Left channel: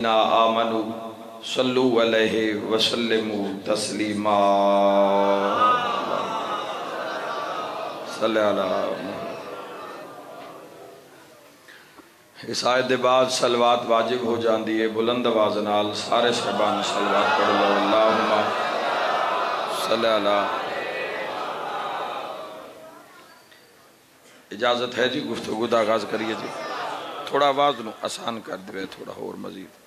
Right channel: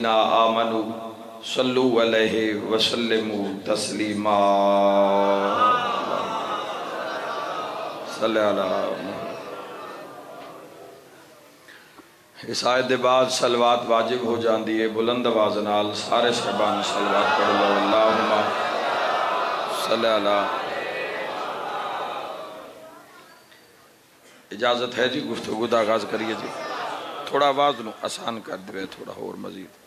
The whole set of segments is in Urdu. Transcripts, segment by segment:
آمنوا صلو علیہ وسلموا تسلیما صلی اللہ اس آیت دے بعد صلوات واجب ہو جاندی ہے بلند آواز نال سارے صحابان صلوات پڑھ لو اللہم صلی اللہ اجازت ہے جی گفتگو دا آغاز کریے جی تھوڑا آواز نو آسان کر دے تھوڑا اور مزید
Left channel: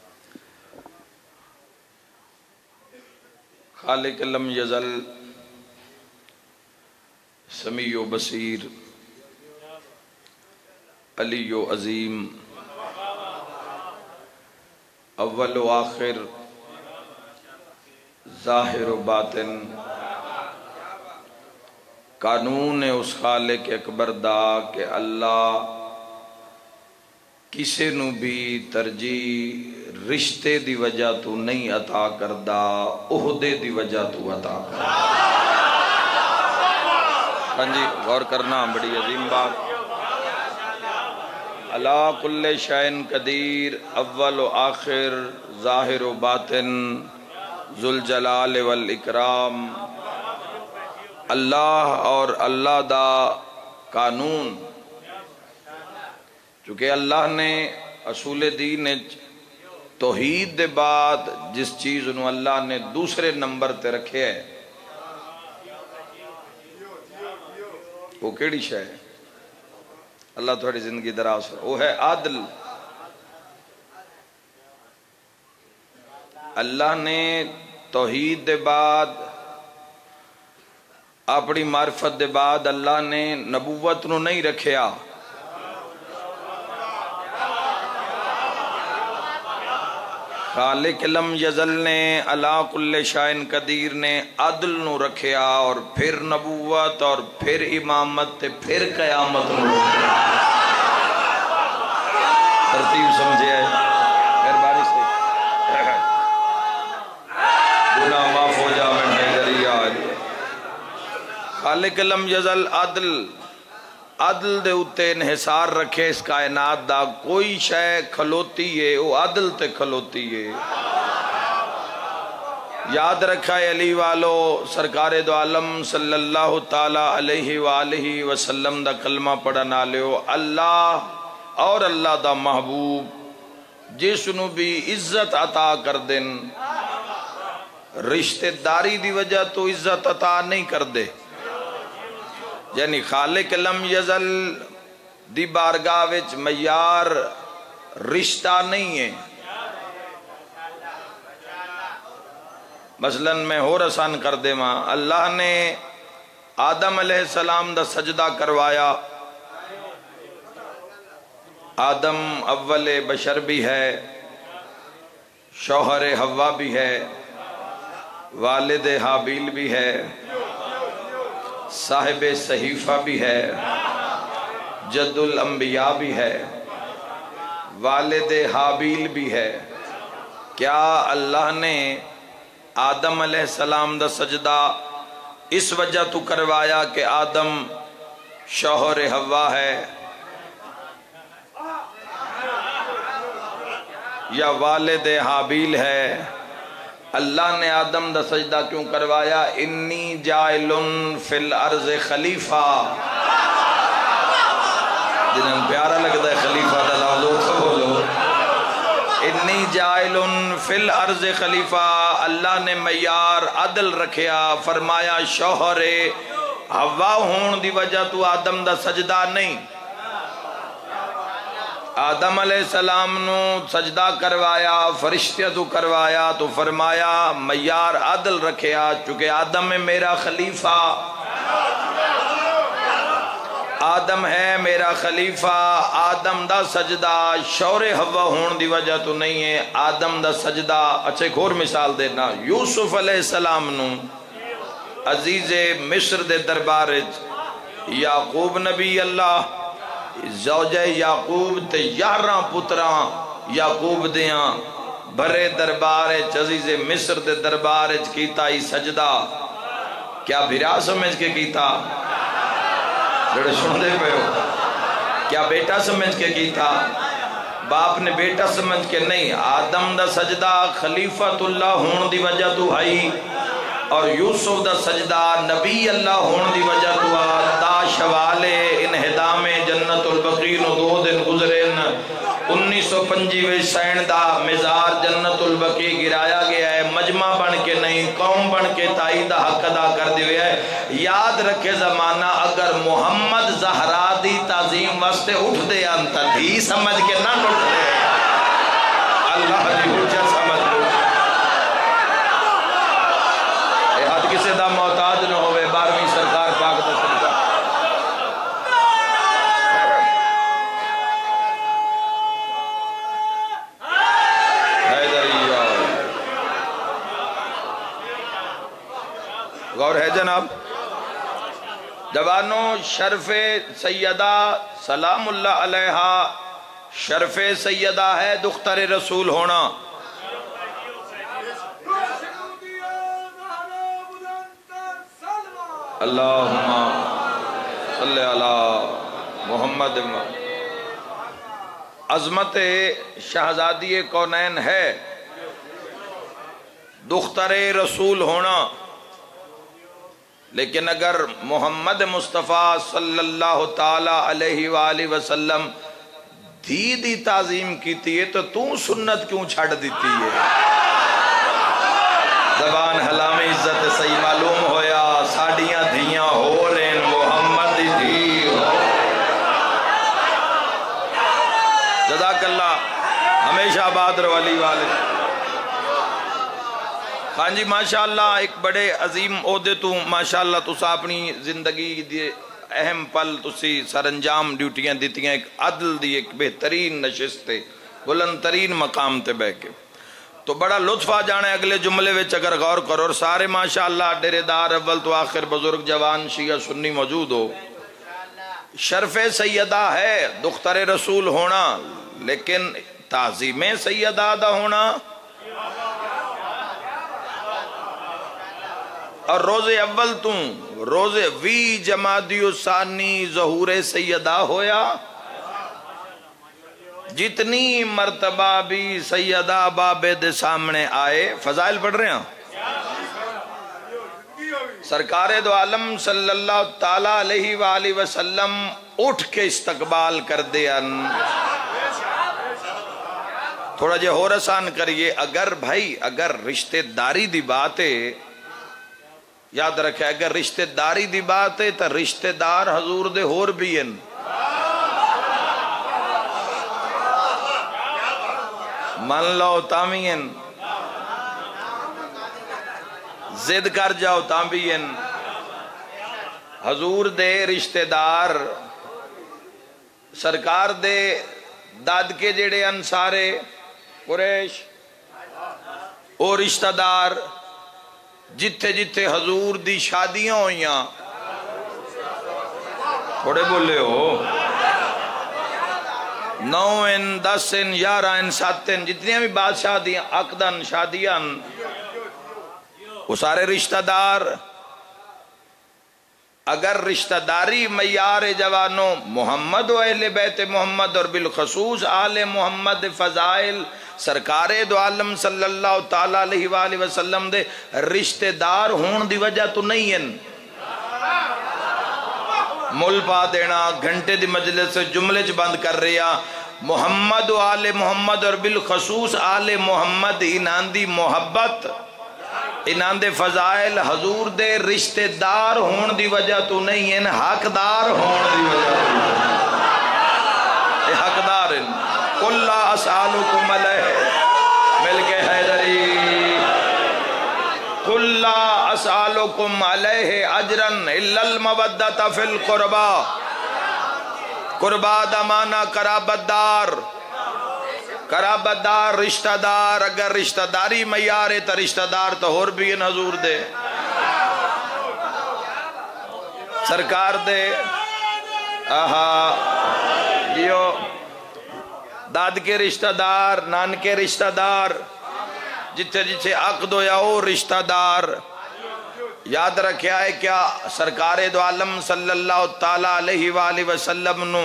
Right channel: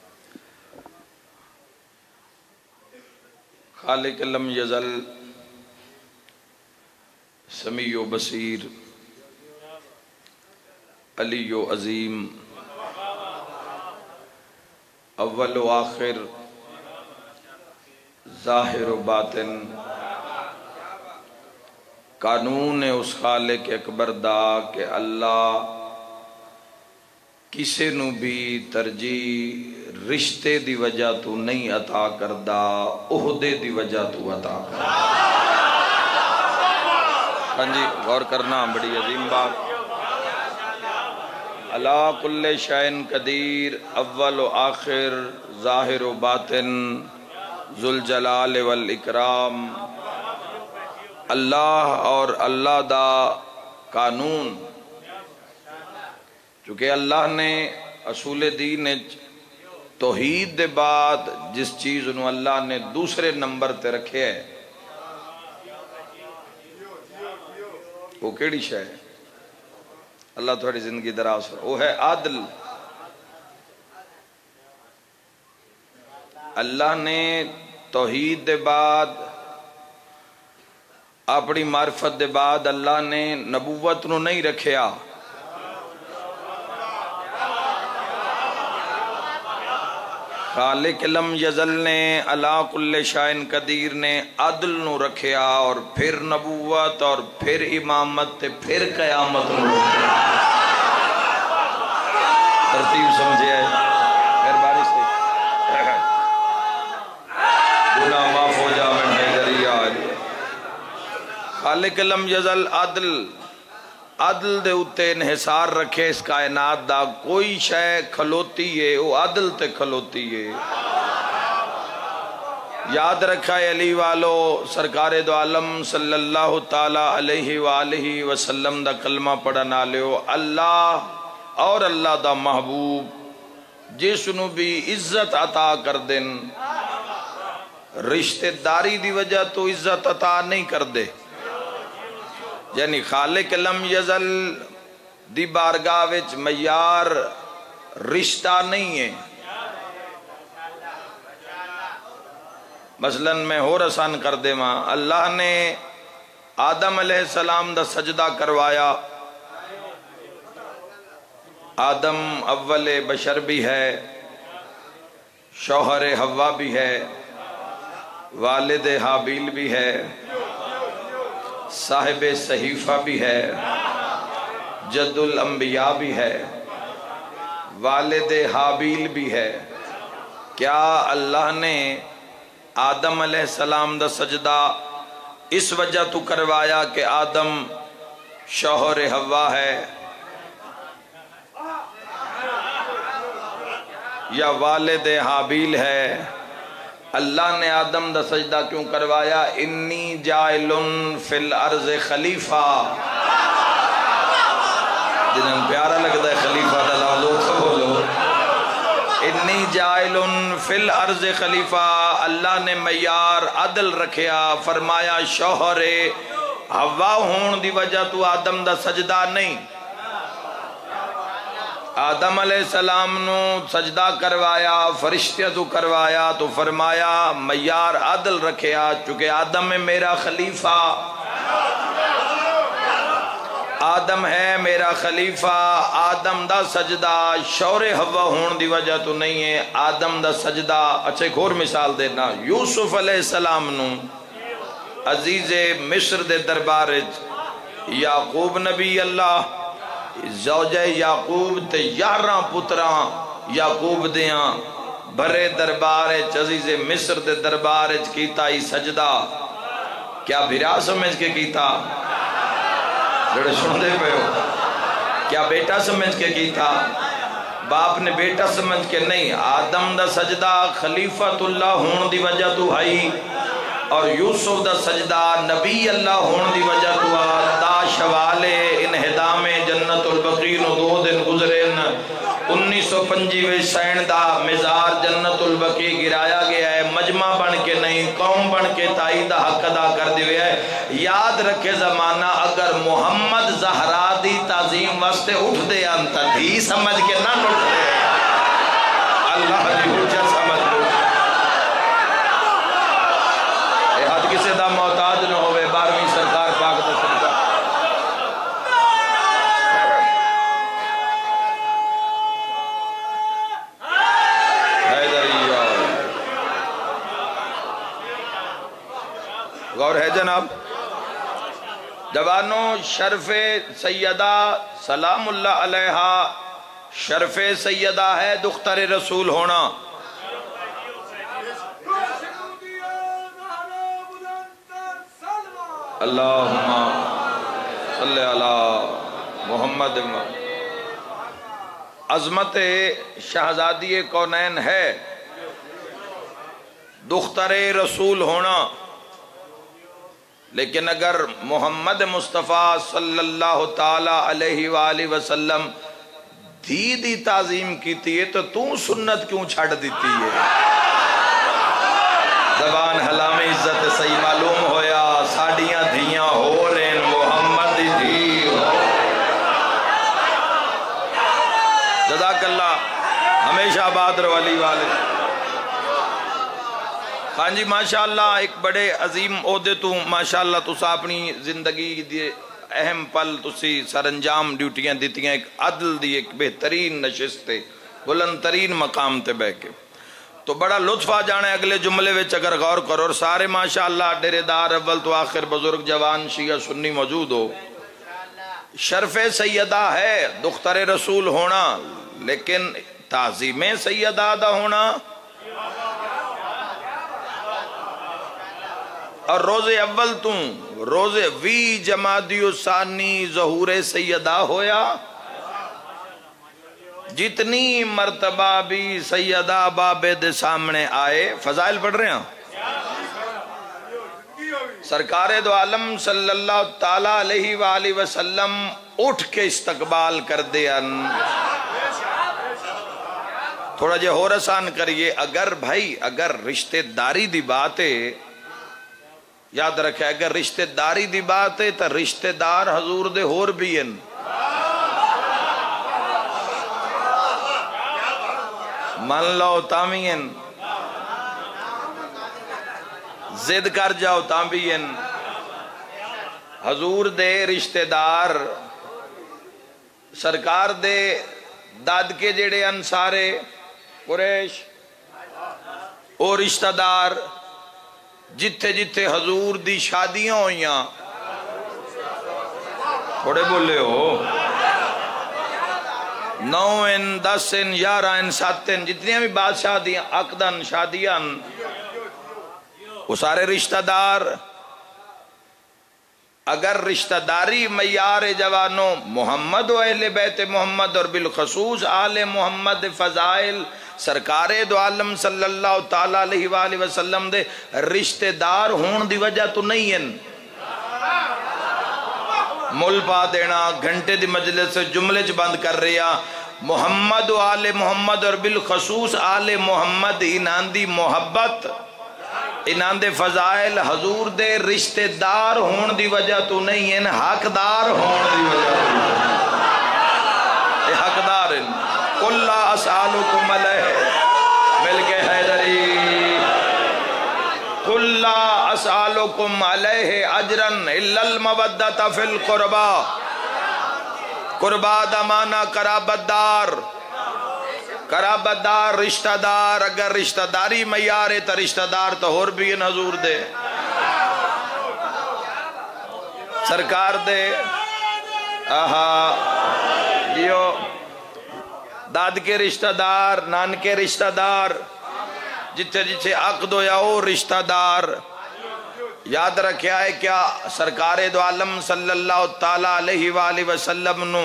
خالق لم یزل سمیع و بصیر علی و عظیم اول و آخر ظاہر و باطن قانون اس خالق اکبر دا کہ اللہ کسے نو بھی ترجیح رشتے دی وجہ تو نہیں عطا کردہ عہدے دی وجہ تو عطا کردہ ہاں جی غور کرنا بڑی عظیم بات اللہ کل شئین قدیر اول و آخر ظاہر و باطن ذوالجلال والاکرام اللہ اور اللہ دا قانون چونکہ اللہ نے اصول دین توحید دے بعد جس چیز انہوں اللہ نے دوسرے نمبر تے رکھے ہے وہ کیڑی شے ہے اللہ تھوڑی زندگی دراز ہے وہ ہے عادل اللہ نے توحید دے بعد اپنی معرفت دے بعد اللہ نے نبوت نو نہیں رکھیا خالق لم یزل نے اللہ کل شائن قدیر نے عدل نو رکھیا اور پھر نبوت اور پھر امامت تے پھر قیامت نو رکھیا ترتیب سمجھے ہے مہربانی سے گناہ معاف ہو جا میں ذریعہ خالق لم یزل عدل دے اتے انحصار رکھے اس کائنات دا کوئی شے کھلوتی ہے وہ عدل تے کھلوتی ہے یاد رکھا ہے علی والو سرکار دو عالم صلی اللہ تعالی علیہ وآلہ وسلم دا کلمہ پڑھنا لیو اللہ اور اللہ دا محبوب جس نو بھی عزت عطا کر دن رشتہ داری دی وجہ تو عزت عطا نہیں کر دے یعنی خالق لم یزل دی بارگاہ وچ معیار رشتہ نہیں ہے مثلا میں اور آسان کر دے ماں اللہ نے آدم علیہ السلام دا سجدہ کروایا آدم اول بشر بھی ہے شوہر حوا بھی ہے والد حابیل بھی ہے صاحب صحیفہ بھی ہے جد الانبیاء بھی ہے والد حابیل بھی ہے کیا اللہ نے آدم علیہ السلام دا سجدہ اس وجہ تو کروایا کہ آدم شوہر حوا ہے یا والد حابیل ہے اللہ نے آدم دا سجدہ کیوں کروایا انی جائلن فی الارض خلیفہ جنہاں پیارا لگتا ہے خلیفہ دا لفظ بولو انی جائلن فی الارض خلیفہ اللہ نے معیار عدل رکھیا فرمایا شوہر حوا ہون دی وجہ تو آدم دا سجدہ نہیں آدم علیہ السلام نو سجدہ کروایا فرشتہ تو کروایا تو فرمایا معیار عدل رکھیا چونکہ آدم ہے میرا خلیفہ آدم ہے میرا خلیفہ آدم دا سجدہ شور حوا ہون دی وجہ تو نہیں ہے آدم دا سجدہ اچھا ایک اور مثال دینا یوسف علیہ السلام نو عزیز مصر دے دربار یعقوب نبی اللہ زوجہ یعقوب تے 11 پتراں یعقوب دیاں بھرے دربار عزیز مصر دے دربار کیتا ہی سجدہ کیا بھرا سمجھ کے کیتا جڑے سن دے پہ ہو کیا بیٹا سمجھ کے کیتا باپ نے بیٹا سمجھ کے نہیں، آدم دا سجدہ خلیفۃ اللہ ہون دی وجہ تو آئی، اور یوسف دا سجدہ نبی اللہ ہون دی وجہ تو دا شوالے انہدام جنت البقی نو 2 دن گزرین 1925 سین دا مزار جنت البقی گرایا گیا ہے، مجمع بن کے نہیں قوم بن کے تائی دا حق ادا کر دیوے ہے۔ یاد رکھے زمانہ اگر محمد زہرا دی تعظیم واسطے اٹھ دے انتا دھی سمجھ کے نہ اٹھ دے، اللہ دی حجت سمجھ لو، اے حد کسے دا محتاج نہ ہوئے 12ویں سرکار پاک دا صدقہ۔ غور ہے جناب جوانوں، شرف سیدہ سلام اللہ علیہا شرف سیدہ ہے دختر رسول ہونا۔ اللہم صلی علی محمد۔ عظمت شہزادی کونین ہے دختر رسول ہونا، لیکن اگر محمد مصطفیٰ صلی اللہ تعالی علیہ وآلہ وسلم دی تعظیم کیتی ہے تو سنت کیوں چھڑ دیتی ہے؟ زبان حلام عزت صحیح معلوم ہویا ساڑیاں دھیاں ہو رین محمد دی ہو۔ جزاک اللہ، ہمیشہ آباد رو علی والے۔ ہاں جی ماشاءاللہ، ایک بڑے عظیم عہدے تو ماشاءاللہ تسا اپنی زندگی دی اہم پل تسی سر انجام ڈیوٹیاں دیتیاں، ایک عدل دی ایک بہترین نشست تے بلند ترین مقام تے بہ کے، تو بڑا لطف آ جانا ہے اگلے جملے وچ اگر غور کرو، اور سارے ماشاءاللہ ڈیرے دار اول تو آخر بزرگ جوان شیعہ سنی موجود ہو۔ شرف سیدہ ہے دختر رسول ہونا، لیکن تعظیم سیدہ دا ہونا اور روز اول تو روز 20 جمادی ثانی ظہور سیدہ ہویا، جتنی مرتبہ بھی سیدہ بابے دے سامنے آئے، فضائل پڑھ رہے ہیں، سرکار دو عالم صلی اللہ تعالیٰ علیہ وآلہ وسلم اٹھ کے استقبال کر دیا۔ تھوڑا جے اور آسان کریے، اگر بھائی اگر رشتہ داری دی بات ہے، یاد رکھے اگر رشتہ داری دی بات ہے تو رشتہ دار حضور دے ہور بھی ہیں، من لو تامین زد کر جاؤ تامین، حضور دے رشتہ دار سرکار دے داد کے جڑے انسارے قریش اور رشتہ دار جتھے جتھے حضور دی شادیاں ہوئیاں، تھوڑے بولے ہو 9 10 11 7 جتنی بھی بادشاہ دیاں عقدن شادیاں، وہ سارے رشتہ دار۔ اگر رشتہ داری معیار جوانوں محمد و اہل بیت محمد اور بالخصوص آل محمد فضائل سرکار دو عالم صلی اللہ تعالیٰ علیہ وآلہ وسلم دے رشتہ دار ہون دی وجہ تو نہیں ہیں، مل پا دینا گھنٹے دی مجلس سے جملے چ بند کر رہا، محمد و آل محمد اور بالخصوص آل محمد انہاں دی محبت انہاں دے فضائل حضور دے رشتہ دار ہون دی وجہ تو نہیں ہیں، حقدار ہون دی وجہ تو اے حقدار ہیں۔ قُلْ لَا أَسْأَلُكُمْ عَلَيْهِ مل کے حیدری قُلْ لَا أَسْأَلُكُمْ عَلَيْهِ أَجْرًا إِلَّا الْمَوَدَّةَ فِي الْقُرْبَى، قربا دمانا قرابت دار، قرابت دار رشتہ دار، اگر رشتہ داری معیار ہے تو رشتہ دار تو اور بھی ان حضور دے سرکار دے جیو داد کے رشتہ دار، نان کے رشتہ دار، جتھے جتھے عقد ہویا او رشتہ دار۔ یاد رکھیا ہے کیا سرکار دو عالم صلی اللہ تعالیٰ علیہ وآلہ وسلم نو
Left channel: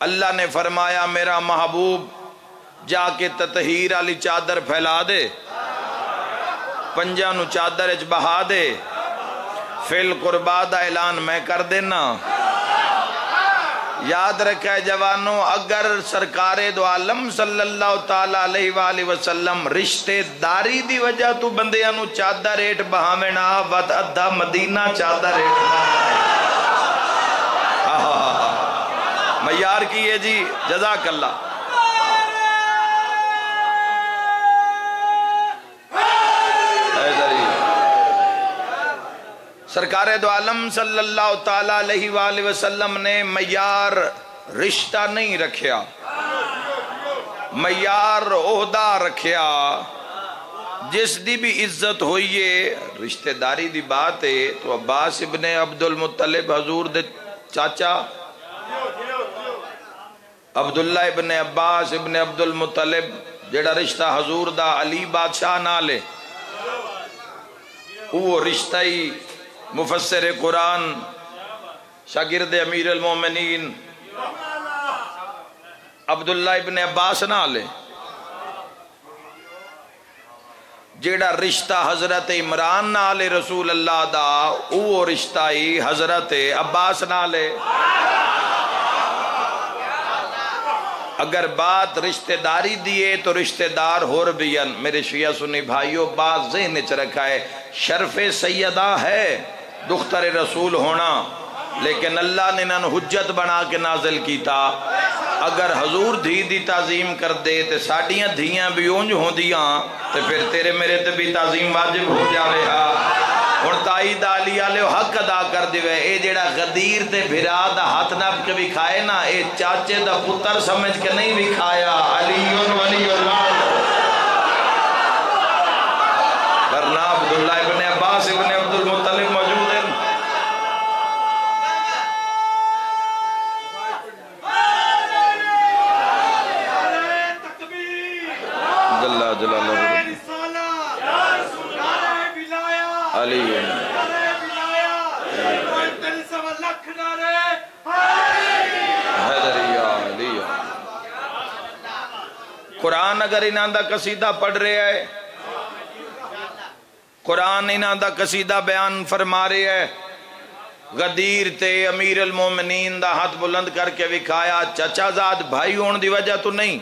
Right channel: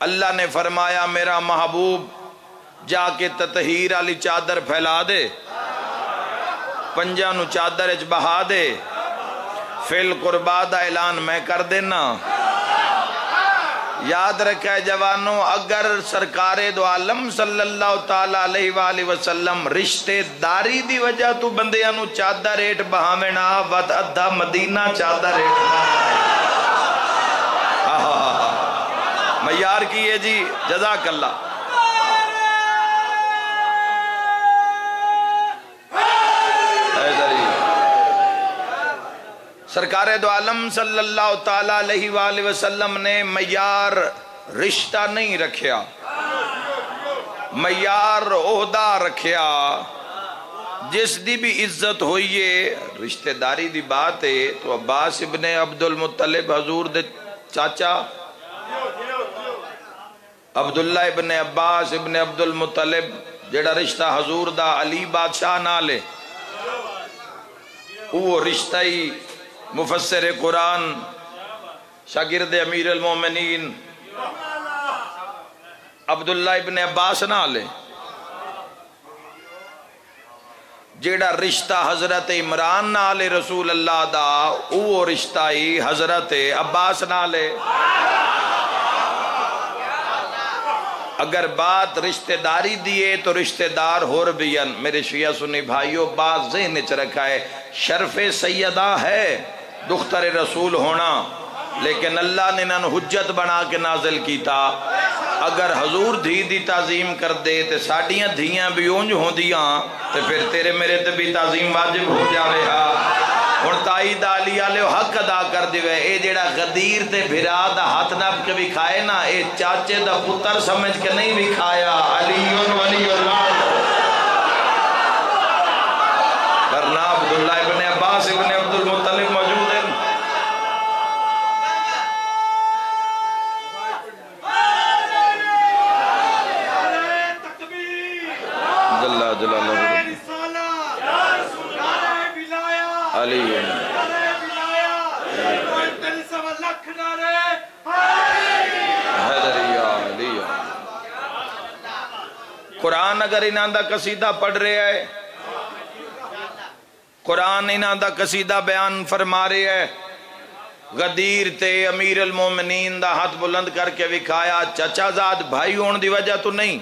اللہ نے فرمایا میرا محبوب جا کے تطہیر والی چادر پھیلا دے، پنجاں نو چادر اچ بہا دے، فل قربا دا اعلان میں کر دینا۔ یاد رکھے جوانوں، اگر سرکار دو عالم صلی اللہ تعالیٰ علیہ وآلہ وسلم رشتے داری دی وجہ تو بندیاں نو چادر ریٹ بہاوینا وط ادھا مدینہ چادر ریٹ معیار کیے جی، جزاک اللہ۔ سرکار دو عالم صلی اللہ تعالیٰ علیہ وآلہ وسلم نے معیار رشتہ نہیں رکھیا، معیار عہدہ رکھیا۔ جس دی بھی عزت ہوئیے رشتہ داری دی بات ہے تو عباس ابن عبد المطلب حضور دے چاچا، عبداللہ ابن عباس ابن عبد المطلب جیڑا رشتہ حضور دا علی بادشاہ نالے، وہ رشتہ ہی مفسر قرآن شاگرد امیر المومنین عبداللہ ابن عباس نالے، جیڑا رشتہ حضرت عمران نالے رسول اللہ دا، وہ رشتہ ہی حضرت عباس نالے۔ اگر بات رشتہ داری دیئے تو رشتہ دار ہور بیان، میرے شیعہ سنی بھائیوں، بات ذہن چ رکھا ہے، شرف سیدہ ہے دختر رسول ہونا، لیکن اللہ نے انہوں حجت بنا کے نازل کیتا۔ اگر حضور دھی دی تعظیم کر دے تے ساڑیاں دھیاں بھی اونج ہوں دیاں تے پھر تیرے میرے تے بھی تعظیم واجب ہو جاوے ہاں۔ اور تائید علی علیہ حق ادا کر دیوے، اے جیڑا غدیر تے بھرا دا ہاتھ نب کے بھی کھائے نا، اے چاچے دا پتر سمجھ کے نہیں بھی کھایا، علیون ولی اللہ۔ ورنہ عبداللہ ابن عباس ابن عبد المطلب موجود ہیں۔ جلال جلالہ علی قرآن اگر انہاں دا قصیدہ پڑھ رہے ہے، قرآن انہاں دا قصیدہ بیان فرما رہے ہے، غدیر تے امیر المومنین دا ہاتھ بلند کر کے وکھایا، چچا زاد بھائی ہون دی وجہ تو نہیں،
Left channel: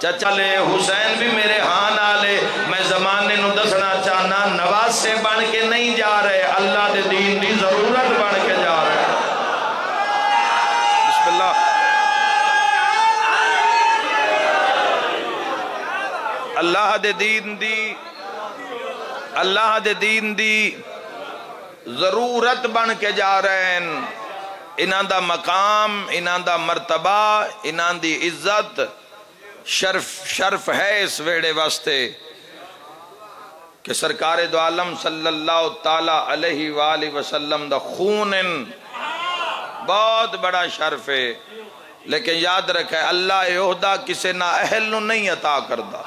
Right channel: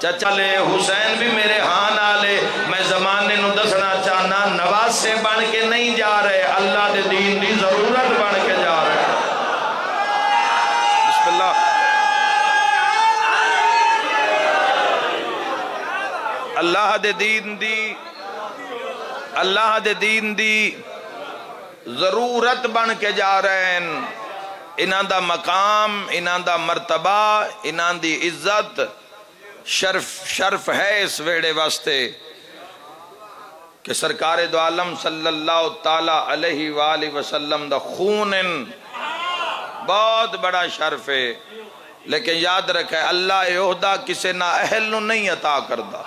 چچا لے حسین بھی میرے ہاں نالے، میں زمانے نو دسنا چاہنا نواز سے بن کے نہیں جا رہے، اللہ دے دین دی ضرورت بن کے جا رہے۔ بسم اللہ۔ اللہ دے دین دی ضرورت بن کے جا رہے ہیں۔ انہاں دا مقام، انہاں دا مرتبہ، انہاں دی عزت شرف ہے اس ویڑے واسطے کہ سرکار دو عالم صلی اللہ تعالیٰ علیہ وآلہ وسلم دا خون بہت بڑا شرف ہے، لیکن یاد رکھے اللہ عہدہ کسے نہ اہل نو نہیں عطا کردہ۔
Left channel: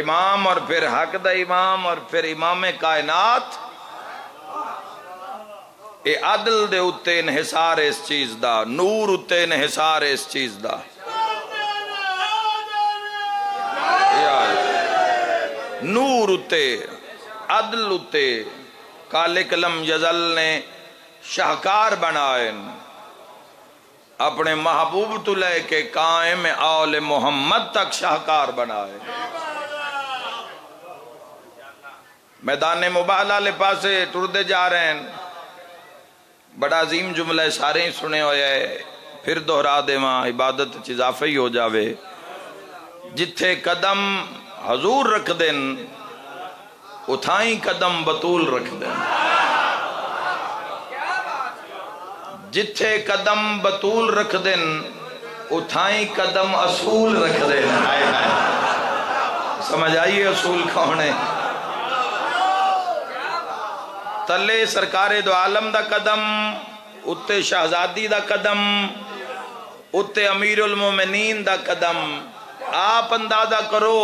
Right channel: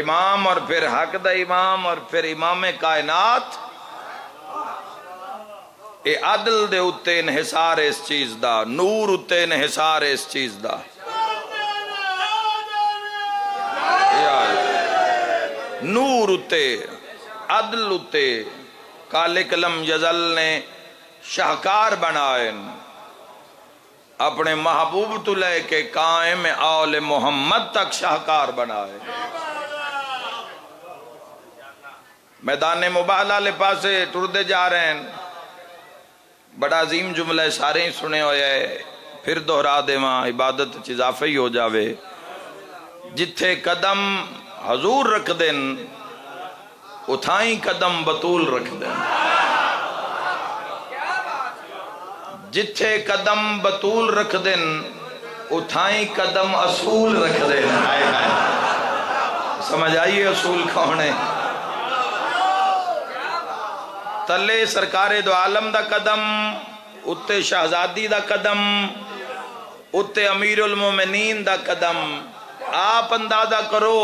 امام اور پھر حق دا امام اور پھر امام کائنات، اے عدل دے اتے انحصار اس چیز دا، نور اتے انحصار اس چیز دا۔ نور اتے، عدل اتے، کالک لم یزل نے شاہکار بنائے، اپنے محبوب تو لے کے قائم آل محمد تک شاہکار بنائے۔ میدان مباہلہ لے پاسے ٹردے جا رہے ہیں، بڑا عظیم جملہ سارے ہی سنے ہوئے ہے، پھر دہرا دے وہاں عبادت اضافہ ہی ہو جاوے۔ جتھے قدم حضور رکھ دیں اتھائیں قدم بطول رکھ دیں، جتھے قدم بطول رکھ دیں اتھائیں قدم اصول رکھ دیں۔ سمجھ آئیے اصول کون ہے؟ تلے سرکار دو عالم دا قدم، اتے شہزادی دا قدم، اتے امیر المومنین دا قدم۔ آپ اندازہ کرو،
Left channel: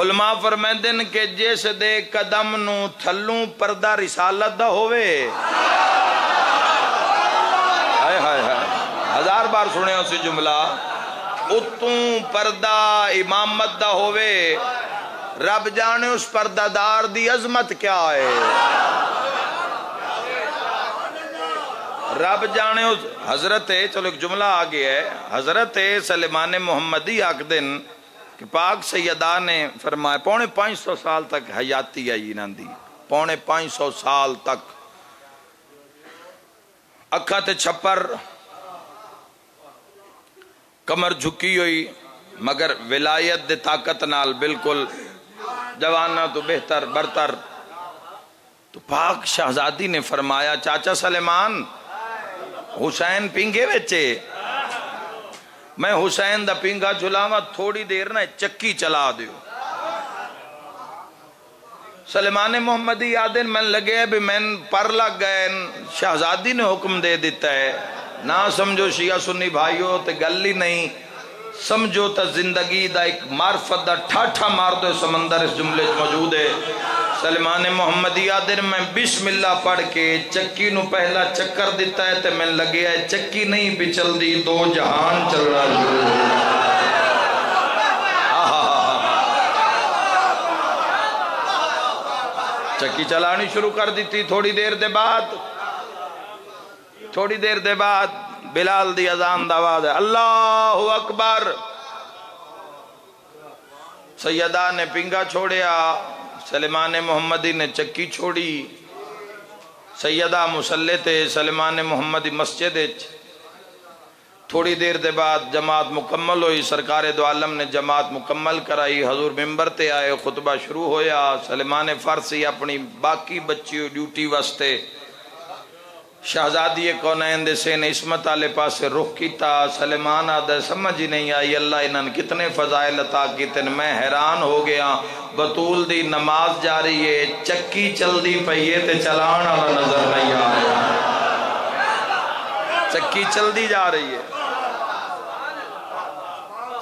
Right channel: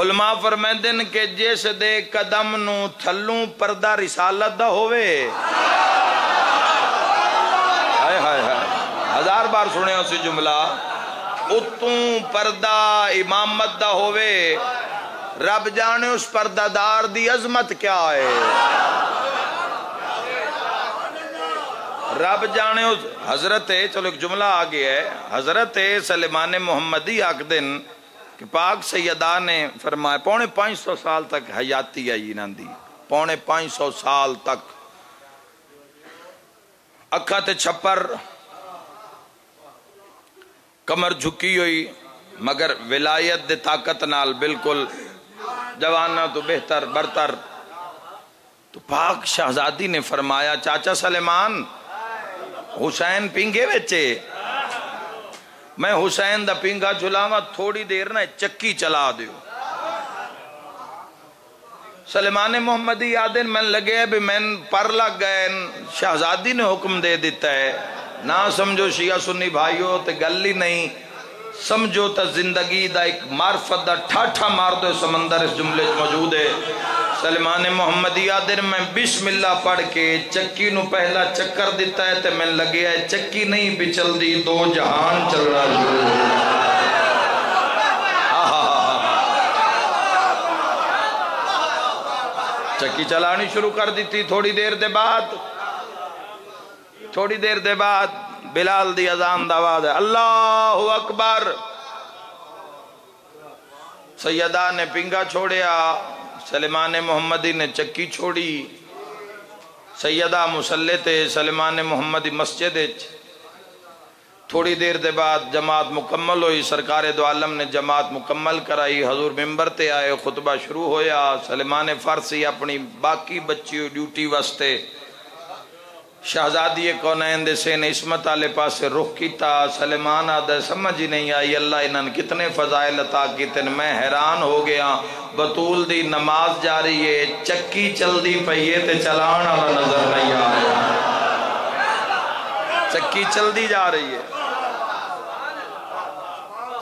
علماء فرمیندن کہ جس دے قدم نو تھلوں پردہ رسالت دا ہوئے، ہائے ہائے ہائے 1000 بار سنے اسی جملہ اتوں پردہ امامت دا ہووے رب جانے اس پردہ دار دی عظمت کیا ہے رب جانے اس حضرت چلو ایک جملہ آگے ہے حضرت سلیمان محمدی آکدن کہ پاک سیدہ نے فرمایا 550 سال تک حیاتی آئی انہاں دی 550 سال تک اکھا تے چھپر کمر جھکی ہوئی مگر ولایت دے طاقت نال بالکل جوانہ تو بہتر برتر تو پاک شہزادی نے فرمایا چاچا سلیمان حسین پینگے ویچے میں حسین دا پینگا جھلاوا تھوڑی دیر نہ چکی چلا دیو سلیمان محمدی آدن میں لگے بھی میں پر لگ گئے شہزادی نے حکم دے دیتا ہے نہ سمجھو شیعہ سنی بھائیو تے گلی نہیں سمجھو تا زندگی دا ایک معرفت دا ٹھاٹھا مار دو سمندر اس جملے موجود ہے سلیمان محمدی آدن میں بسم اللہ پڑھ کے چکی نو پہلا چکر دیتا ہے تے میں لگے ہے چکی نہیں بھی چل دی 2 جہان چل رہا جو چکی چلانی شروع کر دیتی تھوڑی دیر دے بعد بلال دی اذان دا آواز ہے اللہ اکبر سیدہ نے پنگا چھوڑیا سلیمان محمدی نے چکی چھوڑی سیدہ مسلح تے سلیمان محمدی مسجد تھوڑی دیر دے بعد جماعت مکمل ہوئی سرکار دو عالم نے جماعت مکمل کرائی حضور ممبر تے آئے خطبہ شروع ہویا سلیمان فارسی اپنی باقی بچی ڈیوٹی واسطے شہزادی کونین دے سے نے عصمت آلے پاسے رخ کیتا سلیمان آدھے سمجھ ہی نہیں آئی اللہ انہاں کتنے فضائل عطا کیتے میں حیران ہو گیا بطول دی نماز جاری ہے چکی چل دی پئیے تے چلان والا نظر نہیں آ رہا چکی چل دی جا رہی ہے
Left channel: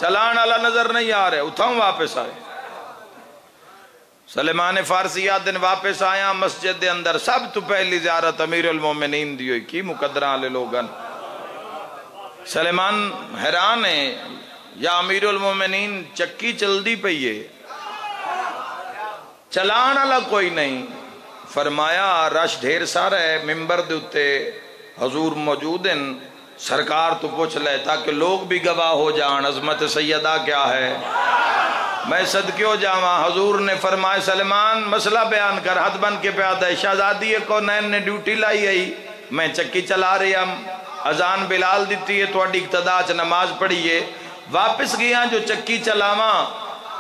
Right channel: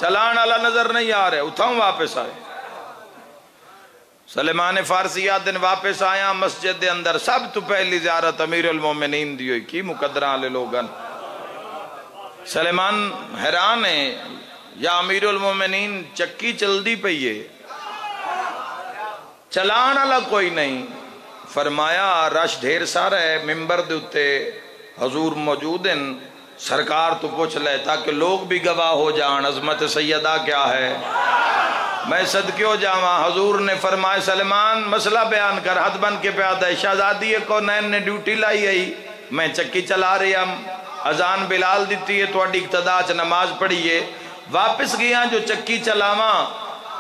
چلان والا نظر نہیں آ رہے اتھاؤں واپس آئے سلیمان فارسی دن واپس آیا مسجد دے اندر سب تو پہلی زیارت امیر المومنین دی ہوئی کی مقدرہ لے لوگن سلیمان حیران ہے یا امیر المومنین چکی چل دی پئیے چلان والا کوئی نہیں فرمایا رش ڈھیر سارا ہے ممبر دے اتے حضور موجود ہیں سرکار تو پوچھ لے تاکہ لوگ بھی گواہ ہو جان عظمت سیدہ کیا ہے میں صدقے ہو جاواں حضور نے فرمایا سلیمان مسئلہ بیان کر حد بن کے پیادہ ہے شہزادی کونین نے ڈیوٹی لائی آئی میں چکی چلا رہی ہم اذان بلال دیتی ہے تو اڈی اقتداء چ نماز پڑھیے واپس گیا جو چکی چلاواں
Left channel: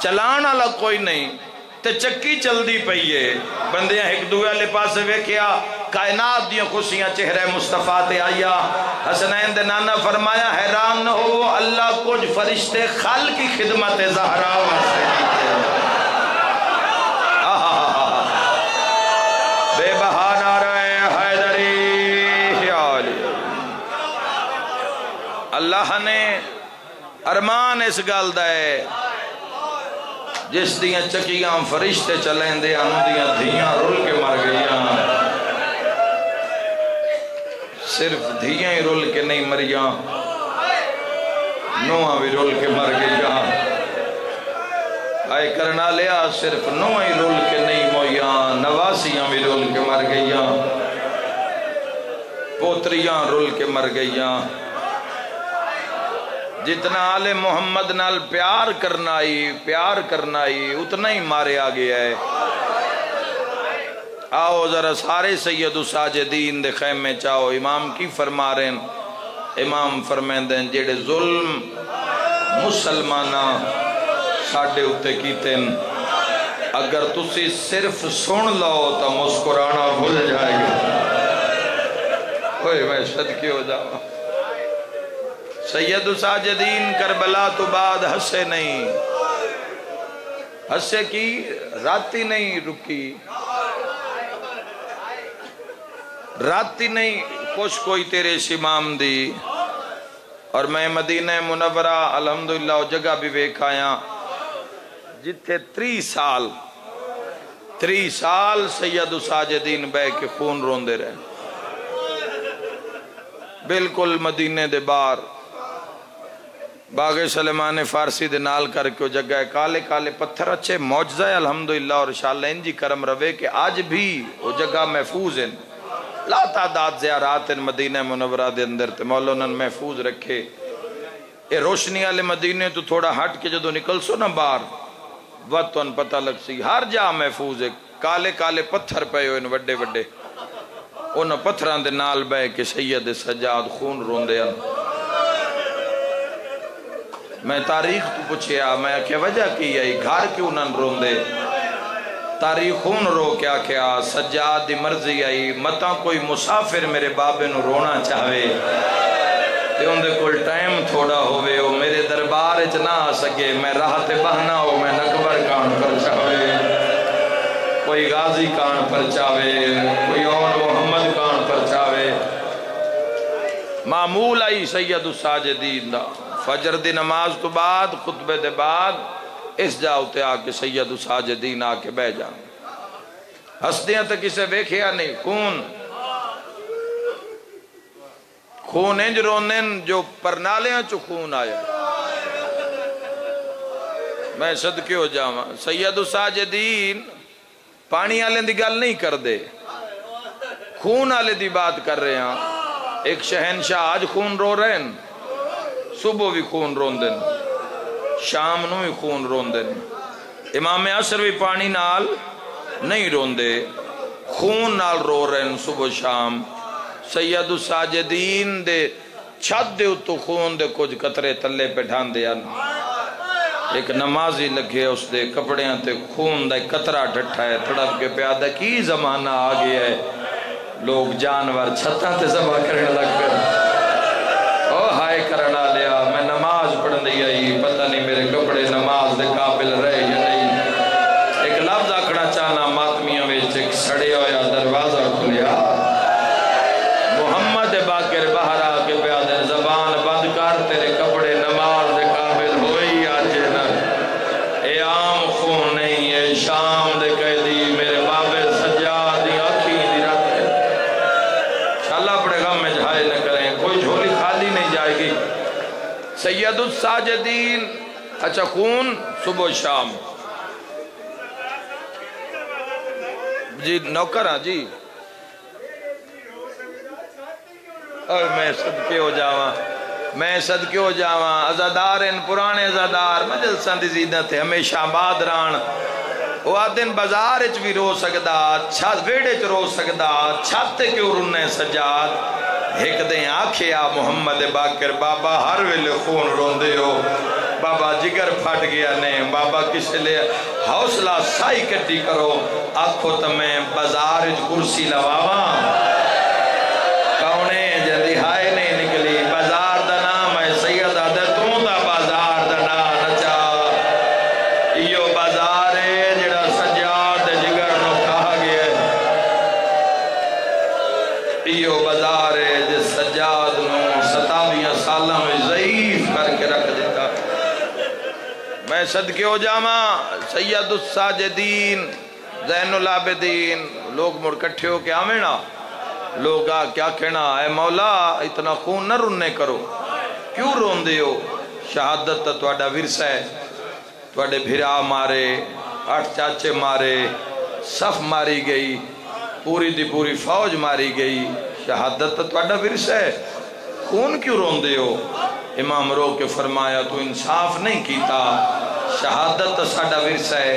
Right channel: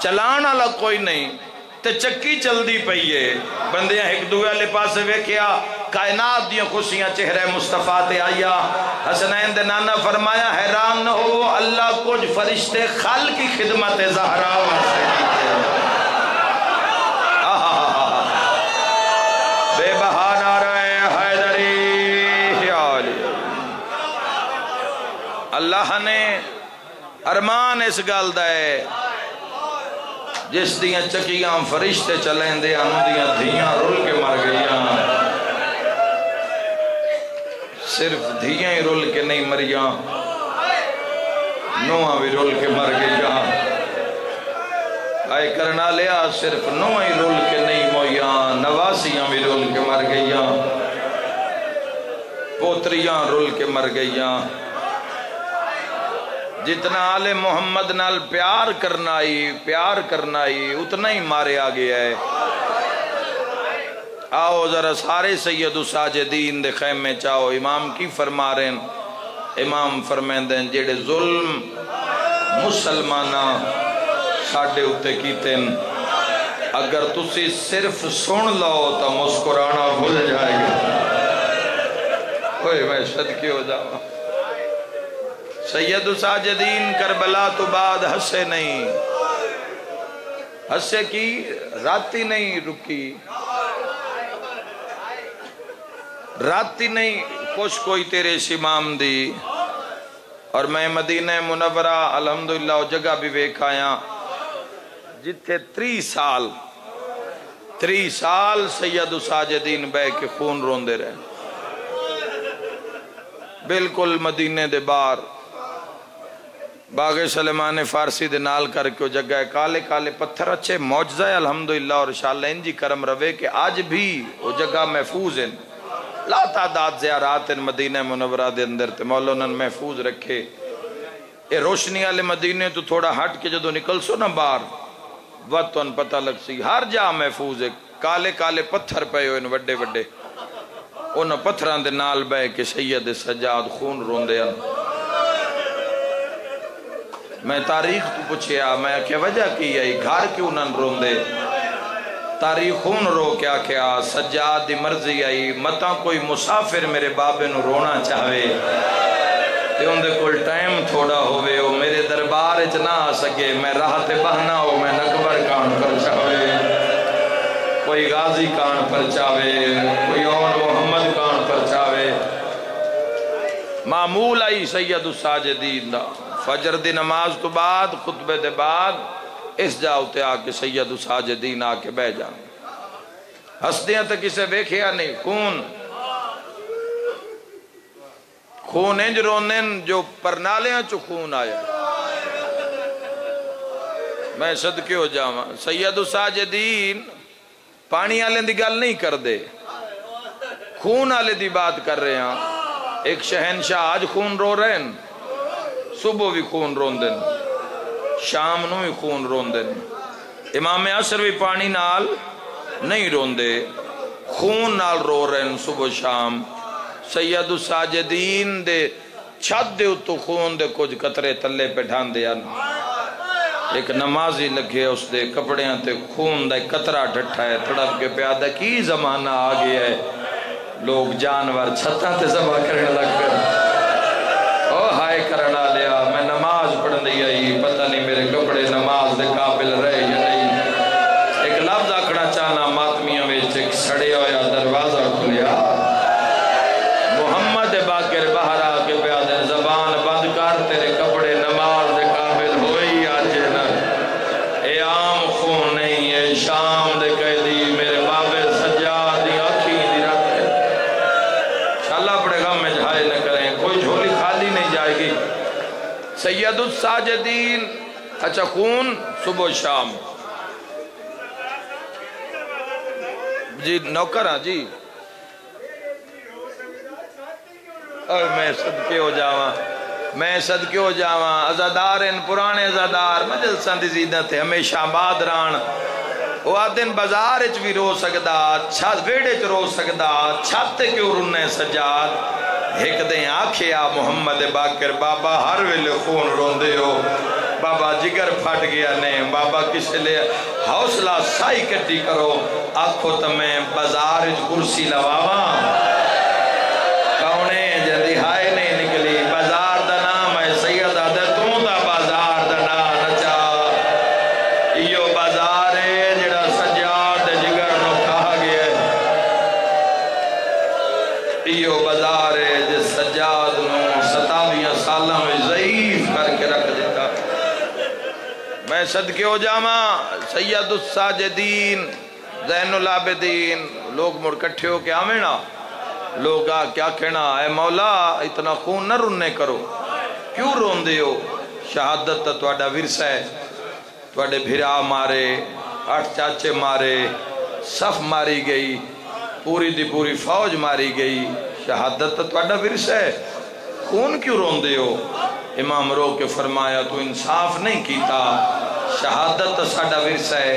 چلان والا کوئی نہیں تے چکی چل دی پئیے بندیاں ایک دوے والے پاسے ویکھیا کائنات دیاں خوشیاں چہرے مصطفیٰ تے آیا حسنین دے نانا فرمایا حیران نہ ہو اللہ کچھ فرشتے خال کی خدمت زہرا واسطے بے بہانہ رہے حیدری اللہ نے ارمان اس گل دے جس دیاں چکیاں فرشتے چلیں دے انہوں دیاں دھیاں رول کے مر گئیاں صرف دھیاں ہی رول کے نہیں مریاں نوہاں بھی رول کے مر گئیاں آئے کرنا لیا صرف نوہاں ہی رول کے نہیں مویاں نواسیاں بھی رول کے مر گئیاں پوتریاں رول کے مر گئیاں جتنا آل محمد نال پیار کرنا ہی اتنا ہی مارے آگے ہے آؤ ذرا سارے سید ساجدین دے خیمے چاہو امام کی فرما رہے ہیں امام فرمائیں دیں جیڑے ظلم مسلمانہ ساڑھے اتے کیتے ہیں اگر تسی صرف سن لو تو مسکرانا بھول جائے گا اوہ میں صدقے ہو جاؤں سید ساجدین کربلا تو بعد ہسے نہیں ہسے کی راتی نہیں رکی راتی نہیں کچھ کوئی تیرے شمام دی اور میں مدینہ منورہ الحمدللہ وہ جگہ بھی بیک آیا جتھے 3 سال سید ساجدین بے کے خون روندے رہے بالکل مدینے دے باہر باغ سلیمان فارسی دے نال کر کے جگہ ہے کالے کالے پتھر اچھے معجزہ ہے الحمدللہ اور انشاءاللہ انجی کرم روے کہ آج بھی وہ جگہ محفوظ ہیں لا تعداد زیارات ہیں مدینہ منورہ دے اندر تے مولانا محفوظ رکھے اے روشنی والے مدینے تو تھوڑا ہٹ کے جدو نکل سو نا باہر وقتاً پتہ لگ سی ہر جا محفوظ ہے کالے کالے پتھر پے ہوئے وڈے وڈے انہاں پتھران دے نال بے کہ سید سجاد خون روندے ہیں میں تاریخ تو پوچھیا میں کیا وجہ کی ہے گھر کیوں نہ روندے تاریخ خون رو کیا سجاد دی مرضی آئی متا کوئی مسافر میرے بابے نو رونا چاہے تے ان دے کل ٹائم تھوڑا ہوئے وہ میرے دربار اچ نہ آ سکے میں راہ تے بہنا ہو میں نکبر کان پر چاہے کوئی غازی کان پر چاہے کوئی اور محمد کان پر چاہے معمول آئی سید الساجدین دا فجر دی نماز تو بعد خطبے دے بعد اس جاؤتے آکے سید الساجدین آکے بہ جان ہستیاں تک اسے بیکھیا نہیں خون انج رونن جو پرنالیاں چو خون آیا میں صدقے ہو جاواں سید الساجدین پانی آلے دی گل نہیں کر دے خون آلے دی بات کر رہے ہیں ایک شہنشاہ آج خون رو رہے ہیں صبح بھی خون روندن شام نو بھی خون روندن امام عصر بھی پانی نال نہیں روندے خون نال رو رہے ہیں صبح شام سید الساجدین دے چھت دے اتو خون دے کچھ قطرے تلے پہ ڈھان دیا ایک نمازی لگے اس دے کپڑیاں تے خون دے قطرہ ڈھٹھا ہے تڑپ کے پیادہ کی زمانہ آگیا ہے لوگ جانور چھتاں تے ذبح کرنے لگ کر او ہائے کرنا لیا میں نماز پڑھن دی آئی پتہ نہیں میرے کپڑے نماز دے قابل رہے یا نہیں ایک لفظ آکڑا چاہنا ماتمیاں ویچ ایک سڑے ہویا دروازہ کھلیا محمد باقر باہر آکے پیادے زبان بند کر تیرے کپڑے نماز دے قابل ہوئی آجے نا اے عام خون نہیں اے شام دے قیدی میرے بابے سجاد دی آنکھی دی رکھے اللہ پڑے غم میں جھائے نہ کریں کوئی جھولی خالی نہیں جائے گی سید الساجدین اچھا خون صبح شام جی نوکر ہاں جی اور میں صدقے ہو جاواں ازادار ان پرانے ازادار مجلساں دی زیدت ہے ہمیشہ آباد ران وہ آدن بازار اچ بھی رو سکدا چھت ویڑے چ رو سکدا چھت کیوں رنے سجاد ایک دیں آکھیا محمد باقر بابا ہر ویلے خون روندے ہو بابا جگر پھٹ گیا نے بابا کس لئے حوصلہ سائی کٹی کرو آکھو تمہیں بازار اچ کرسی لواواں کونے جلدی ہائے نہیں نکلی بازار دا نام ہے سید آدھے تو دا بازار دا نام نچا ایو بازار ہے جڑا سجاد جگر نو کہا گیا ایو بازار ہے جس سجاد نو 27 سالہ میں ضعیف کر کے رکھ دیتا میں صدقے ہو جاواں سید الساجدین زین العابدین لوگ مڑ کٹھے ہو کے آمینا لوگ کیا کہنا اے مولا اتنا خون نہ رننے کرو کیوں رون دے ہو شہادت تو اڈا ورثہ ہے تو اڈے بھرا مارے 8 چاچے مارے صف ماری گئی پوری دی پوری فوج ماری گئی شہادت تو اڈا ورثہ ہے خون کیوں رون دے ہو امام رو کے فرمایا تو انصاف نہیں کیتا شہادت تو ساڈا ورثہ ہے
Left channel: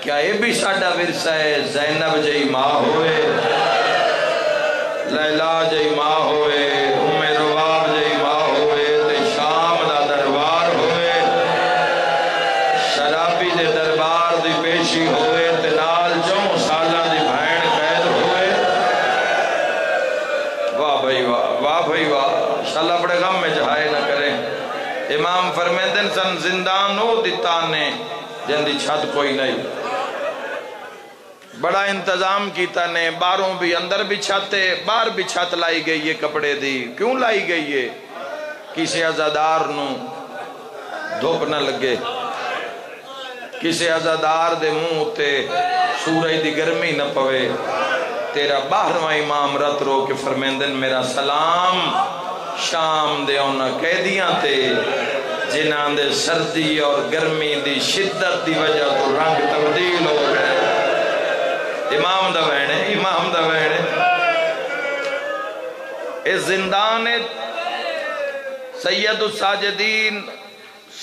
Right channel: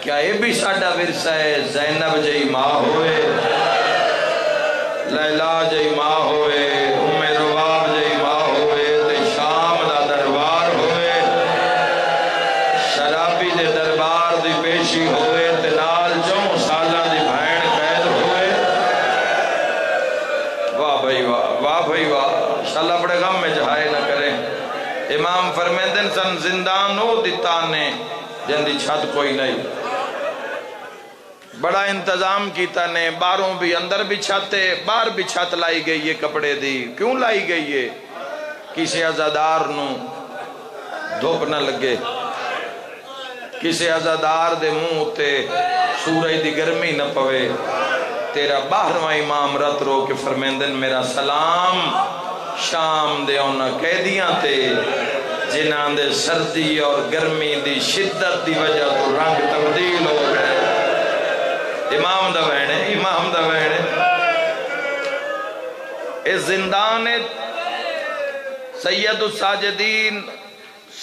کیا یہ بھی ساڈا ورثہ ہے زینب جئی ماں ہوئے لیلا جئی ماں ہوئے ام رواب جئی ماں ہوئے تے شام دا دربار ہوئے شرابی دے دربار دی پیشی ہوئے تے نال 4 سالہ دی بھائن قید ہوئے واہ بھائی واہ بھائی واہ انشاءاللہ بڑے غم میں جہائے نہ کریں امام فرمیندن سن زندان ہو دیتانے جن دی چھت کوئی نہیں بڑا انتظام کیتا نے باہروں بھی اندر بھی چھتے باہر بھی چھت لائی گئی یہ کپڑے دی کیوں لائی گئی ہے کسی عزادار نو دھوپ نہ لگے کسی عزادار دے منہ تے سورج دی گرمی نہ پوے تیرا 12واں امام رت رو کے فرمیندن میرا سلام شام دے انہاں قیدیاں تے جنہاں دے سردی اور گرمی دی شدت دی وجہ تو رنگ تبدیل ہو گئے. امام دا وینے امام دا وینے اس زندان سید الساجدین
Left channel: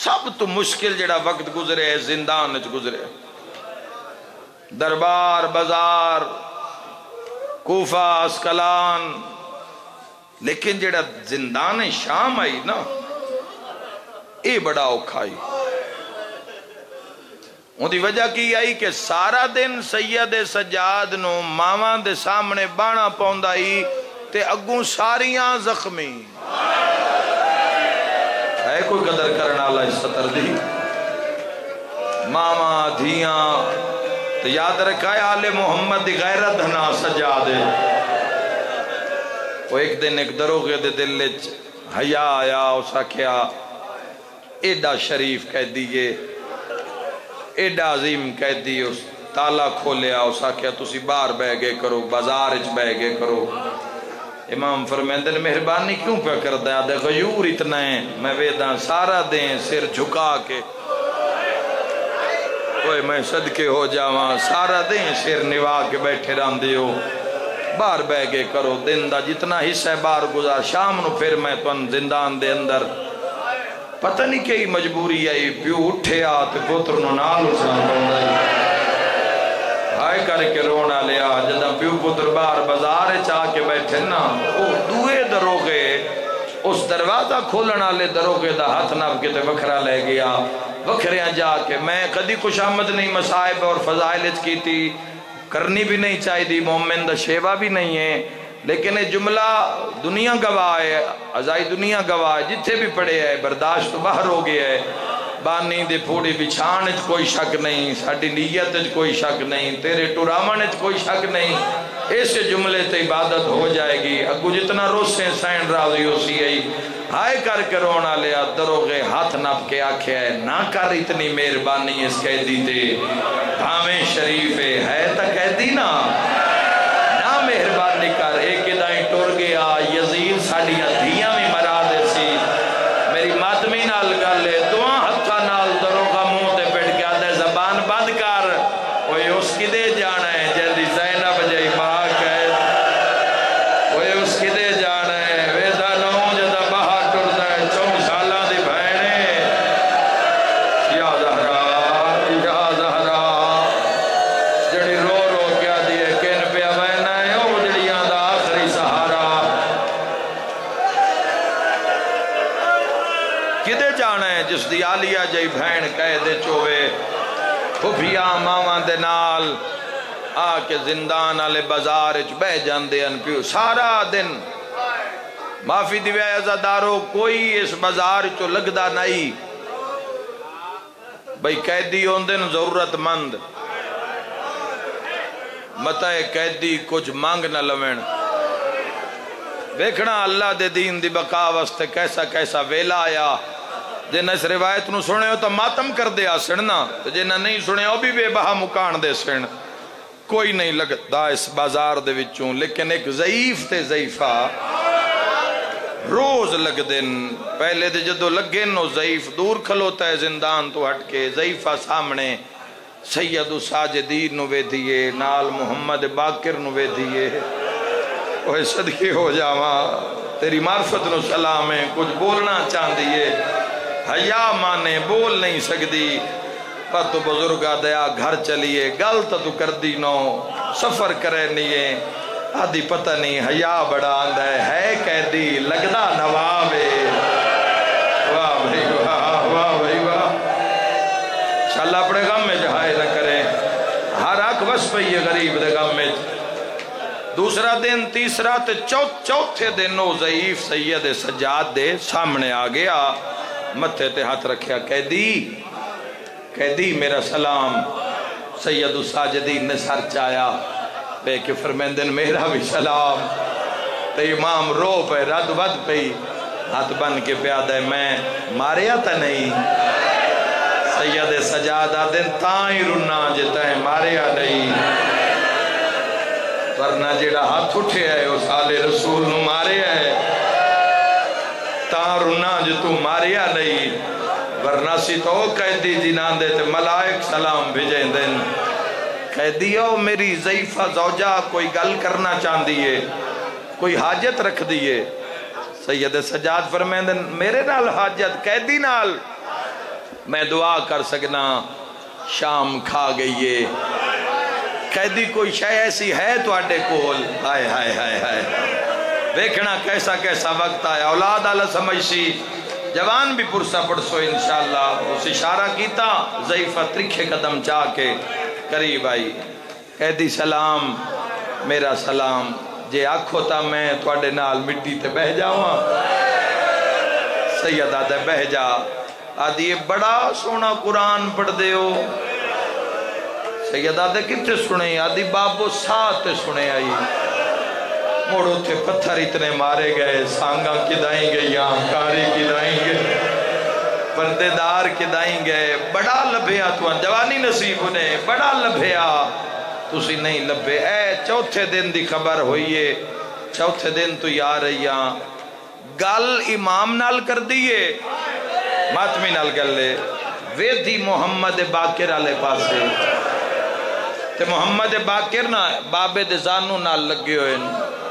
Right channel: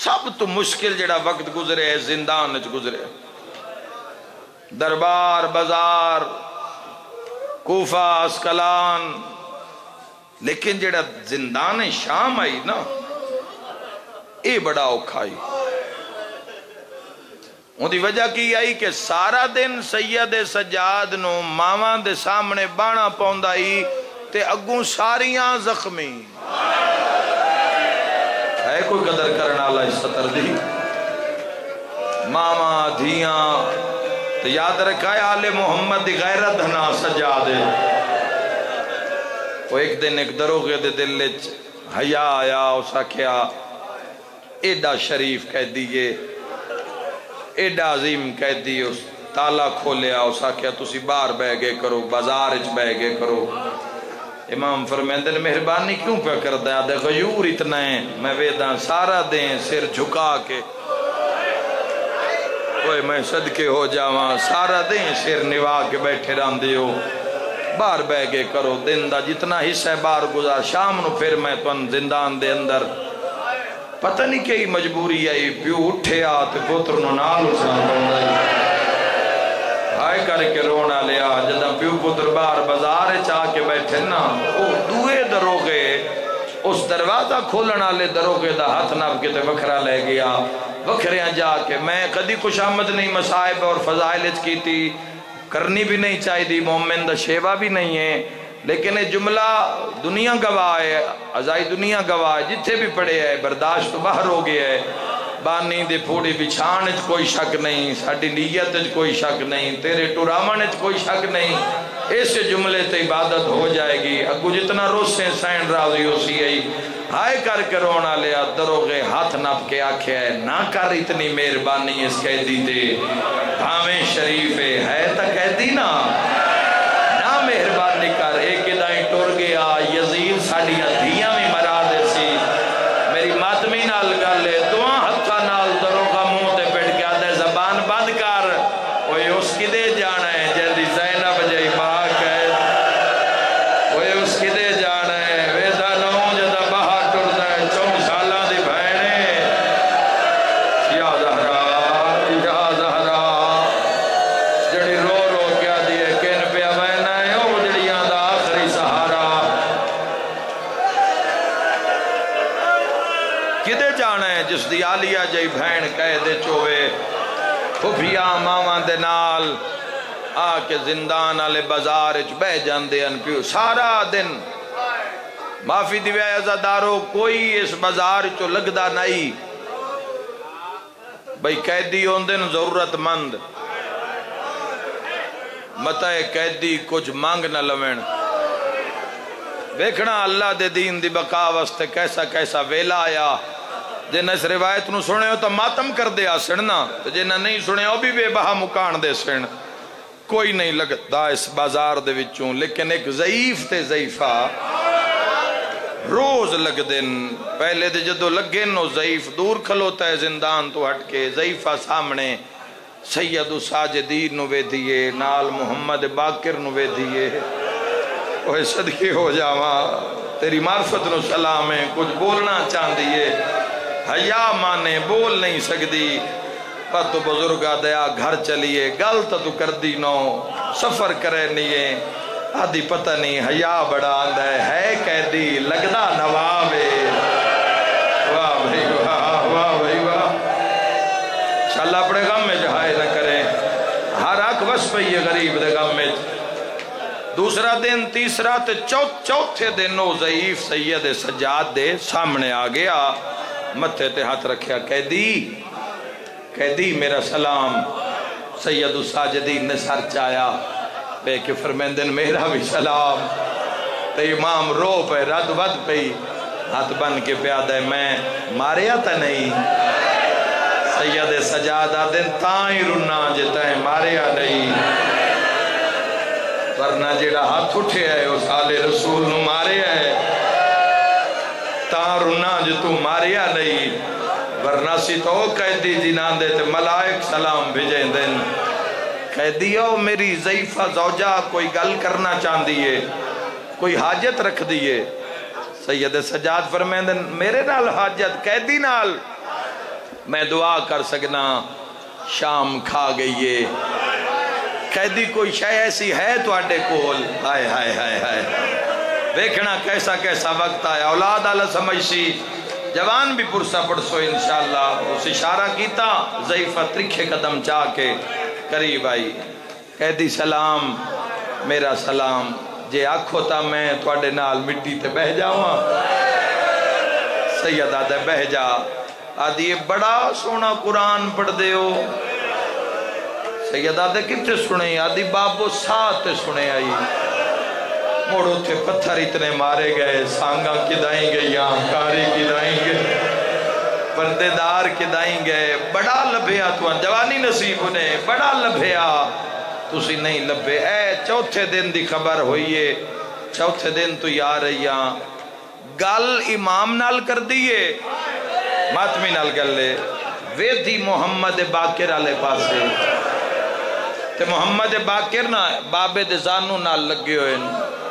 سب تو مشکل جڑا وقت گزرے ہے زندان وچ گزرے. دربار بازار کوفہ اسکلان لیکن جڑا زندان شام آئی نا اے بڑا اوکھا آئی. ان دی وجہ کی آئی کہ سارا دن سید سجاد نو ماواں دے سامنے بانا پوندا ہی تے اگوں ساریاں زخمی. ہے کوئی قدر کرنا اللہ اس سطر دی ماما دھیاں تو یاد رکھا ہے آل محمد دی غیرت ہنا سجادے. وہ ایک دن ایک دروغے دے دل وچ حیا آیا اسا کیا ایڈا شریف کہہ دیئے ایڈا عظیم کہہ دیئے. اس تالا کھولیا اسا کیا تسی باہر بہ گئے کرو بازار اچ بہ گئے کرو. امام فرمیندے نے مہربانی کیوں پہ کرتا ہے غیور اتنا ہے میں ویداں سارا دیں سر جھکا کے اوے میں صدقے ہو جاواں سارا دیں سر نوا کے بیٹھے رہن دیو باہر بہ گئے کرو دن دا جتنا حصہ باہر گزار شام نو پھر میں تن زندان دے اندر پتہ نہیں کئی مجبوری آئی پیو اٹھے آتے پتر نو نال اسان بندائی ہائے کر کے رونا لیا جدہ پیو پتر باہر بازار چاہ کے بیٹھے نا وہ دوئے دروگے اس دروازہ کھولنا لے دروگے دا ہاتھ ناب کے تے وکھرا لے گیا وکھریاں جا کے میں کدی خوش آمد نہیں مسائب اور فضائلت کی تھی کرنی بھی نہیں چاہی دی مومن دا شیوہ بھی نہیں ہے لیکن یہ جملہ دنیا گواہ ہے ازائی دنیا گواہ ہے جتھے بھی پڑے ہے برداشت تو باہر ہو گیا ہے. بانی دے پھوڑی بچھان اچ کوئی شک نہیں ساڑی نیت اچ کوئی شک نہیں تیرے ٹورامن اچ کوئی شک نہیں ایسے جملے تے عبادت ہو جائے گی. اگو جتنا روسیں سین راضی ہو سی آئی ہائے کر کے رونا لیا دروغے ہاتھ نپ کے آکھے ہے نہ کر اتنی مہربانی اس قیدی تے بھامیں شریف ہے تا قیدی نا نہ مہربانی کر ایک ادائیں ٹور گیا یزید ساڑیاں دھیاں میں مرا دے سی میری ماتمی نال گل لے دعا ہتھا نال دروغہ منہ تے پیٹ کے آدھے زبان بند کر اوہ اس کی دے جانا ہے جلدی زینب جائی باہر کہے اوہ اس کی دے جانا ہے ویدہ نو جدہ باہر ٹردا ہے 4 سالہ دی بہنے یا زہرا جڑی رو رو کیا دیئے کن پہ بہنا ہے او جڑیاں دا آخری سہارا کدے جانا ہے جس دی آلیہ جائی بہن کہہ دے چوے کھوپیا ماما دے نال آکے زندان آلے بازار اچ بہ جاندے ان پیو سارا دن معافی دیوے عزادارو کوئی اس بازار چو لگدا نہیں بھئی قیدی ہوندن ضرورت مند متائے قیدی کچھ مانگ نہ لوین بیکھنا اللہ دے دین دی بقا واسطے کیسا کیسا ویلا آیا جنہ اس روایت نو سنے ہو تو ماتم کر دیا سننا تو جنہ نہیں سنے ہو بھی بے بہا مکان دے سن کوئی نہیں لگتا اس بازار دے وچوں لیکن ایک ضعیف تے ضعیفہ روز لگ دن پہلے دے جدو لگن نو ضعیف دور کھلوتا ہے زندان تو ہٹ کے ضعیفہ سامنے سید الساجدین نو وے دیئے نال محمد باقر نو وے دیئے اوہ صدقے ہو جاواں تیری معرفت نو سلام ہے کچھ بولنا چاند دیئے حیا مانے بول نہیں سکتی پر تو بزرگا دیا گھر چلیے گل تو کر دی نو سفر کرے نہیں آدھی پتہ نہیں حیا بڑا آندہ ہے قیدی لگنا نوابے واہ بھائی واہ واہ بھائی واہ انشاءاللہ اپنے غم میں جہائے نہ کریں ہر آنکھ بس پہ یہ غریب دے غم میں. دوسرا دن تیسرا تے چوتھے دن وہ ضعیف سید سجاد دے سامنے آ گیا متھے تے ہاتھ رکھیا قیدی میرا سلام. سید الساجدین نے سر چایا پہ کہ فرمیندن میرا بھی سلام. تے امام رو پہ رد ود پہ ہاتھ بن کے پیادہ میں ماریا تا نہیں سید سجادہ دن تائیں رنا جتا ہے ماریا نہیں ورنہ جڑا ہاتھ اٹھے ہے اس آل رسول نو مارے ہے جو تو ماریا نہیں ورنہ سی تو قیدی جنان دے تے ملائک سلام بھیجیں دن قیدیو میری ضعیفہ زوجہ کوئی گل کرنا چاہن دیئے کوئی حاجت رکھ دیئے سید سجاد فرمائیں دن میرے نال حاجت قیدی نال میں دعا کر سکنا شام کھا گئیے قیدی کوئی شے ایسی ہے تو آٹے کول ہائے ہائے ہائے ہائے دیکھنا کیسا کیسا وقت آیا اولاد اللہ سمجھسی جوان بھی پرسا پڑسو انشاءاللہ اس اشارہ کیتا ضعیفہ ترکھے قدم چاہ کے قریب آئی قیدی سلام میرا سلام جے آکھو تا میں توڑے نال مٹی تے بہ جاؤں سید آدھے بہ جا آدھی یہ بڑا سونا قرآن پڑھ دے ہو سید آدھے کتے سنے آدھی بابو ساتھ سنے آئی موڑو تھے پتھر اتنے مارے گئے سانگاں کدائیں گے یہاں کاری کدائیں گے پردے دار کدائیں گے بڑا لبھیا تو جوانی نصیب انہیں بڑا لبھیا تسی نہیں لبھے اے چوتھے دن دی خبر ہوئیے چوتھے دن تو یا رہیا گل امام نال کر دیئے ماتمی نال کر لے ویدھی محمد باقر علیہ پاسے تے محمد باقر نا بابے دے زانو نال لگے ہوئے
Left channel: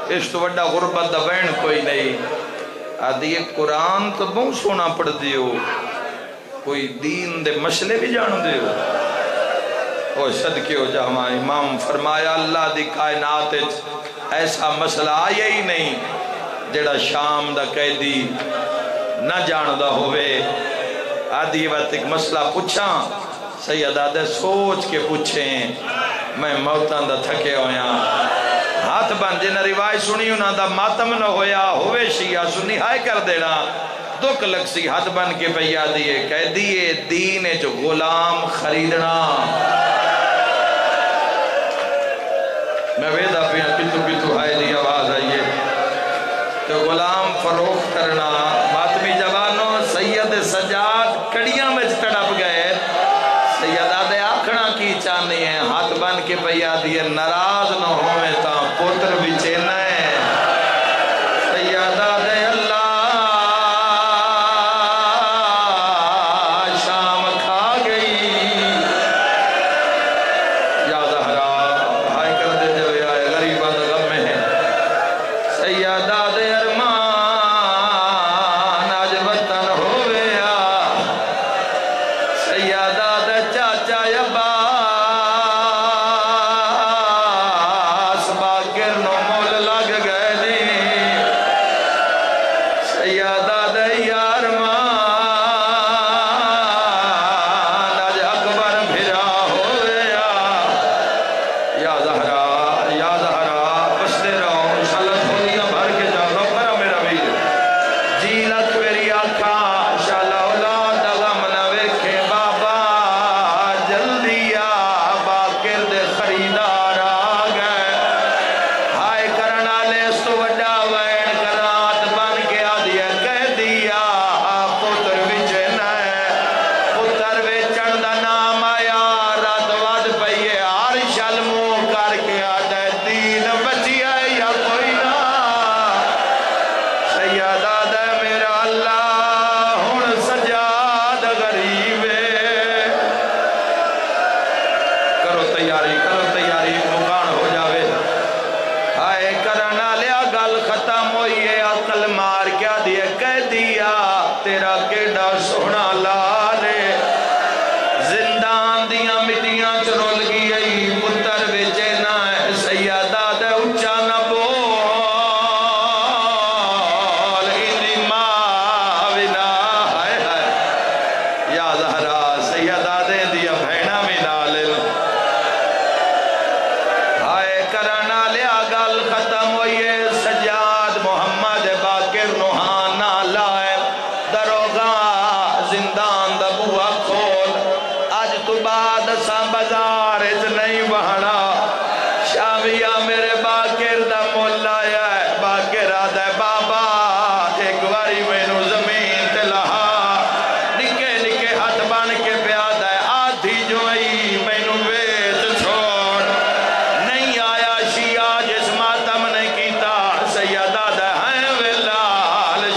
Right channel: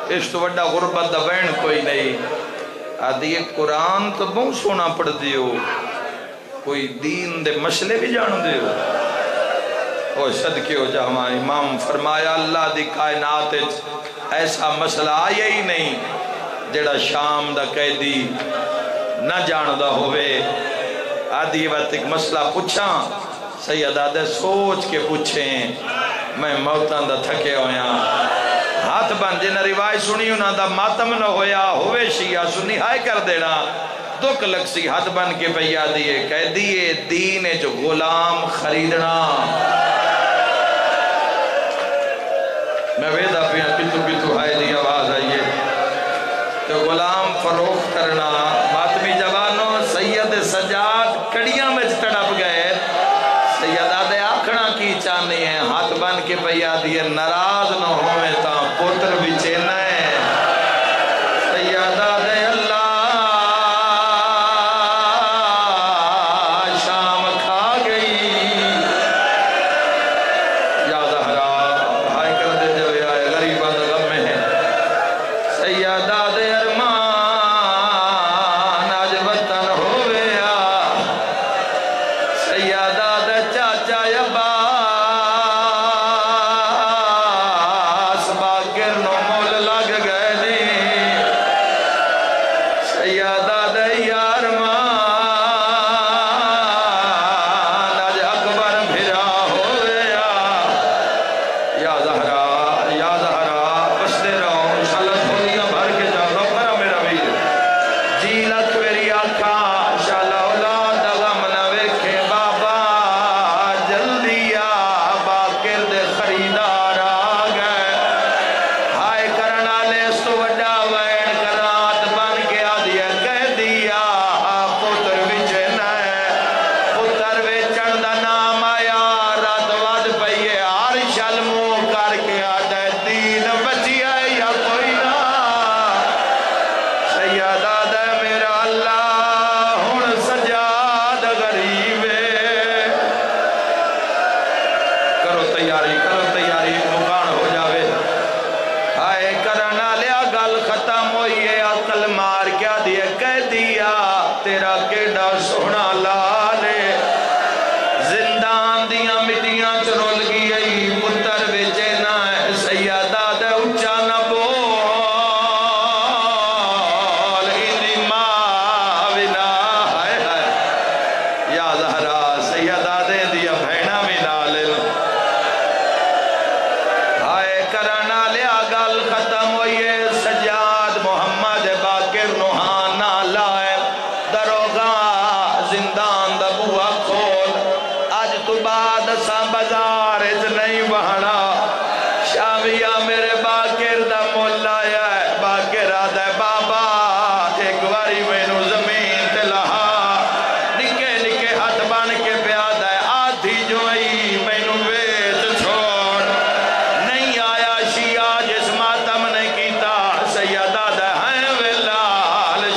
اس تو وڈا غربت دا وین کوئی نہیں آدھی ایک قرآن تو بہت سونا پڑھ دیو کوئی دین دے مسئلے بھی جان دیو وہ صدقے ہو جا ہمارے امام فرمایا اللہ دی کائنات ایسا مسئلہ آیا ہی نہیں جڑا شام دا قیدی نہ جاندہ ہوئے آدھی وقت ایک مسئلہ پوچھاں سید آدھے سوچ کے پوچھیں میں موتاں دا تھکے ہویا ہاتھ بن جنہ روایت سنی انہاں دا ماتم نہ ہویا ہوئے شیعہ سنی ہائے کر دینا دکھ لگ سی ہاتھ بن کے پہیا دیئے کہہ دیئے دین جو غلام خریدنا میں ویدہ پیا کتو کتو ہائے دی آواز آئیے تو غلام فروخت کرنا ماتمی جوانوں سید سجاد کڑیاں میں تڑپ گئے سید آدھے آکھنا کی چاہنی ہے ہاتھ بن کے پہیا دیئے ناراض نہ ہوئے تا پوتر بھی چینا ہے سید آدھے اللہ شام کھا گئی یا زہرا ہائے کر دے جو یا غریبہ دا غم میں ہے سید آدھے ارمان آج وطن ہویا سید آدھے چاچا یبا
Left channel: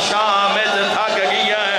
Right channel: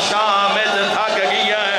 شام میں تھک گیا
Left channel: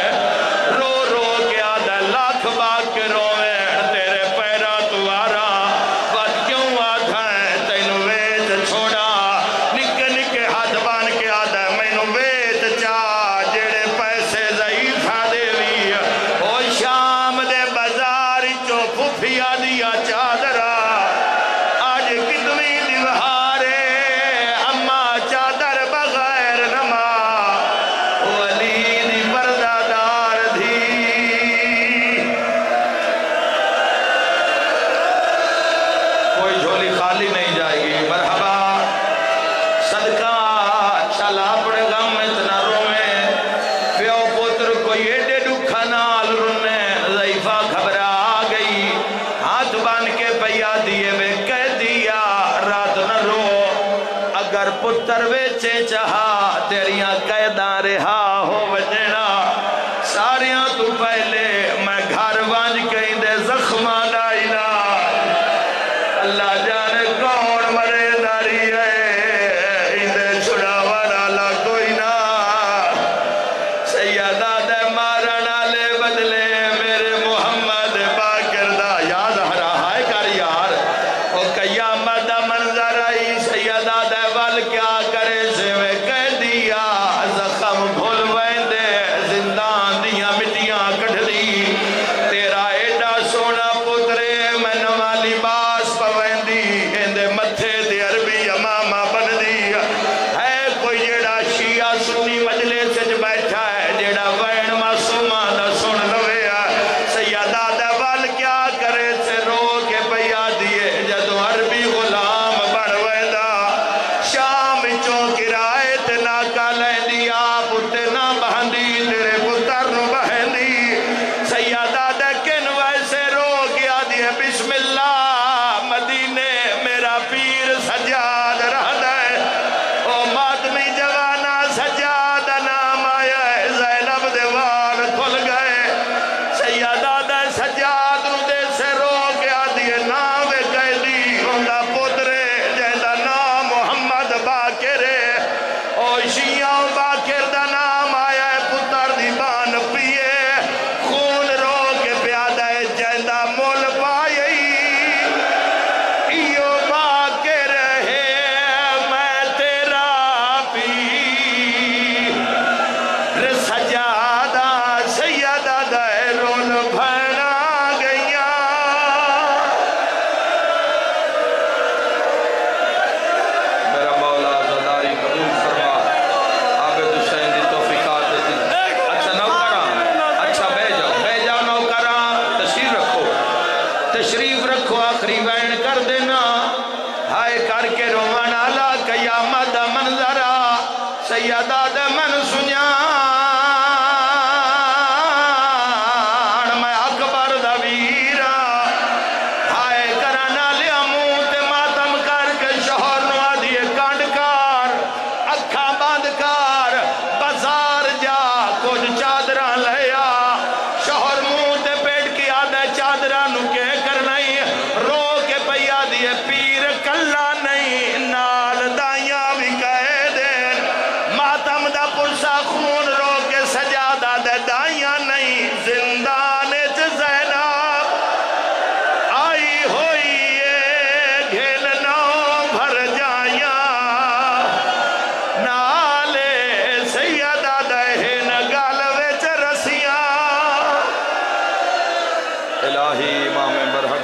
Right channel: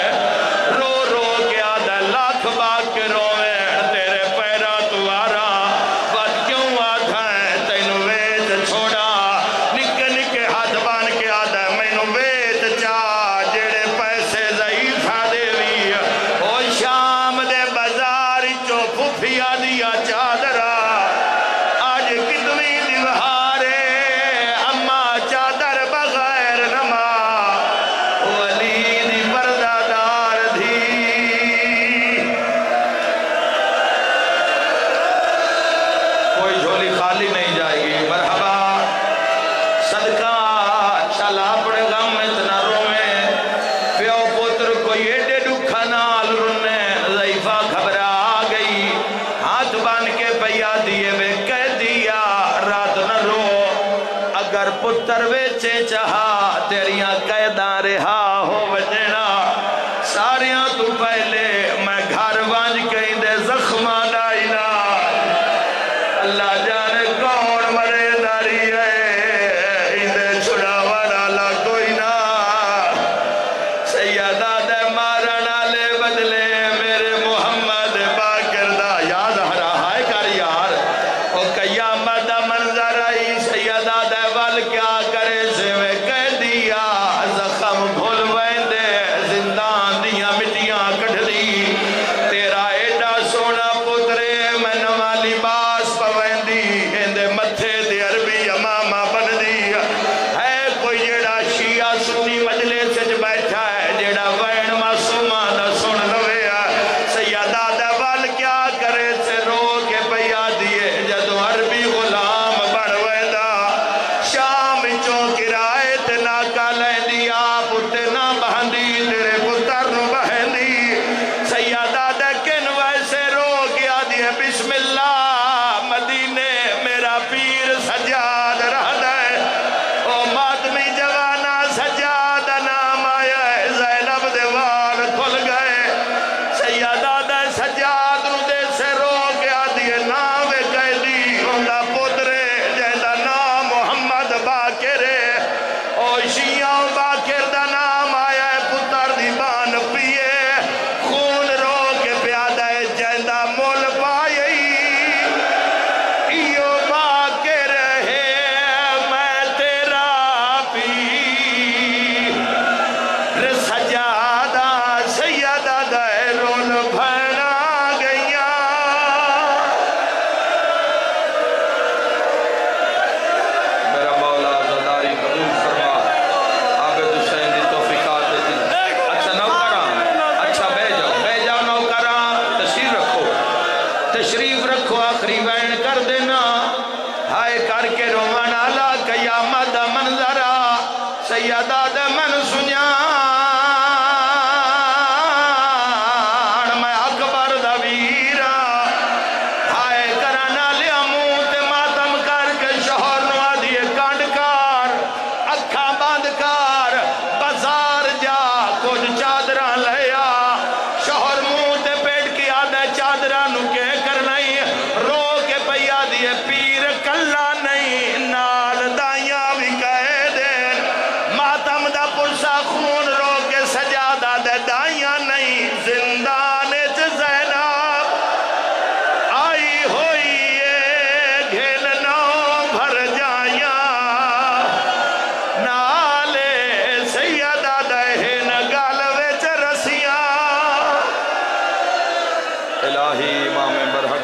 وانج کہیں دے زخمہ دا علاج اللہ جانے کون مرے داری ہے اندے چھڑا والا کوئی نہ سیدہ دے مارنا لے بدلے میرے محمد باقر دا یاد رہا ہے کر یار او قیامت دا منظر آئی سیدہ دے وال کیا کرے سے میں کہہ دیا زخم بھول ویندے زندان دیا مٹیاں کٹھ دی تیرا ایڈا سونا پترے میں نواں لباس پویندی اندے متھے دے عربی امامہ بن دی ہے کوئی جیڑا شیعہ سنی مجلس سے بیٹھا ہے جیڑا وین معصومہ دا سن لوے سیدہ دے وال کیا کرے سے رو کے پیا دیے جدو عربی غلام بڑھ ویندہ شام چوں کرائے تے ناکا لیندی آپ اتے نہ بہندی تیرے پتر نو بہندی سیدہ دے کن ویسے رو گیا دیے بسم اللہ مدینے میرا پیر سجاد رہ دے او ماتمی جوانا سجاد نام آیا ہے زینب دے وال کھل گئے سیدہ دے سجاد نو دے سے رو گیا دیے ناوے کہہ دی ہوندہ پترے جہدہ نام محمد باقرے او شیعہ باقر دا نام آیا ہے پتر دی بان پیے خون رو کے پیادہ ہے جہدہ مول پائی ایو باقر ہے میں تیرا پیر سجادہ سیدہ دے رول بھنا گئیاں میرا مولا زداری قبول فرما عابد حسین دی توفیقات دیتی اچھا نوکران اچھا بے جاؤ نوکران تشریف رکھو آخری وین کر دینا ہائے کر کے روان آلا قیامت دا منظرہ سیدہ دے من سنیان میں اکبر دا ویرہ ہائے کرانا لیا منہ تے ماتم کر کے شوہر نو آدھیے کانڈ کار اکھاں باندھ کار بازار جا کچھ چادران لیا شوہر منہ تے پیٹ کی آدھے چادران نو کے کرنائی رو کے پیا دیے پیر کلا نہیں نال دائیاں بھی کہہ دین ماتم دا پرسا خون رو کے سجادہ دے دائیاں نہیں زندان زینب آئی ہوئی گھن نو بھر جائیاں نالے سیدہ دہن گالوے چرسیاں الہی امام برحق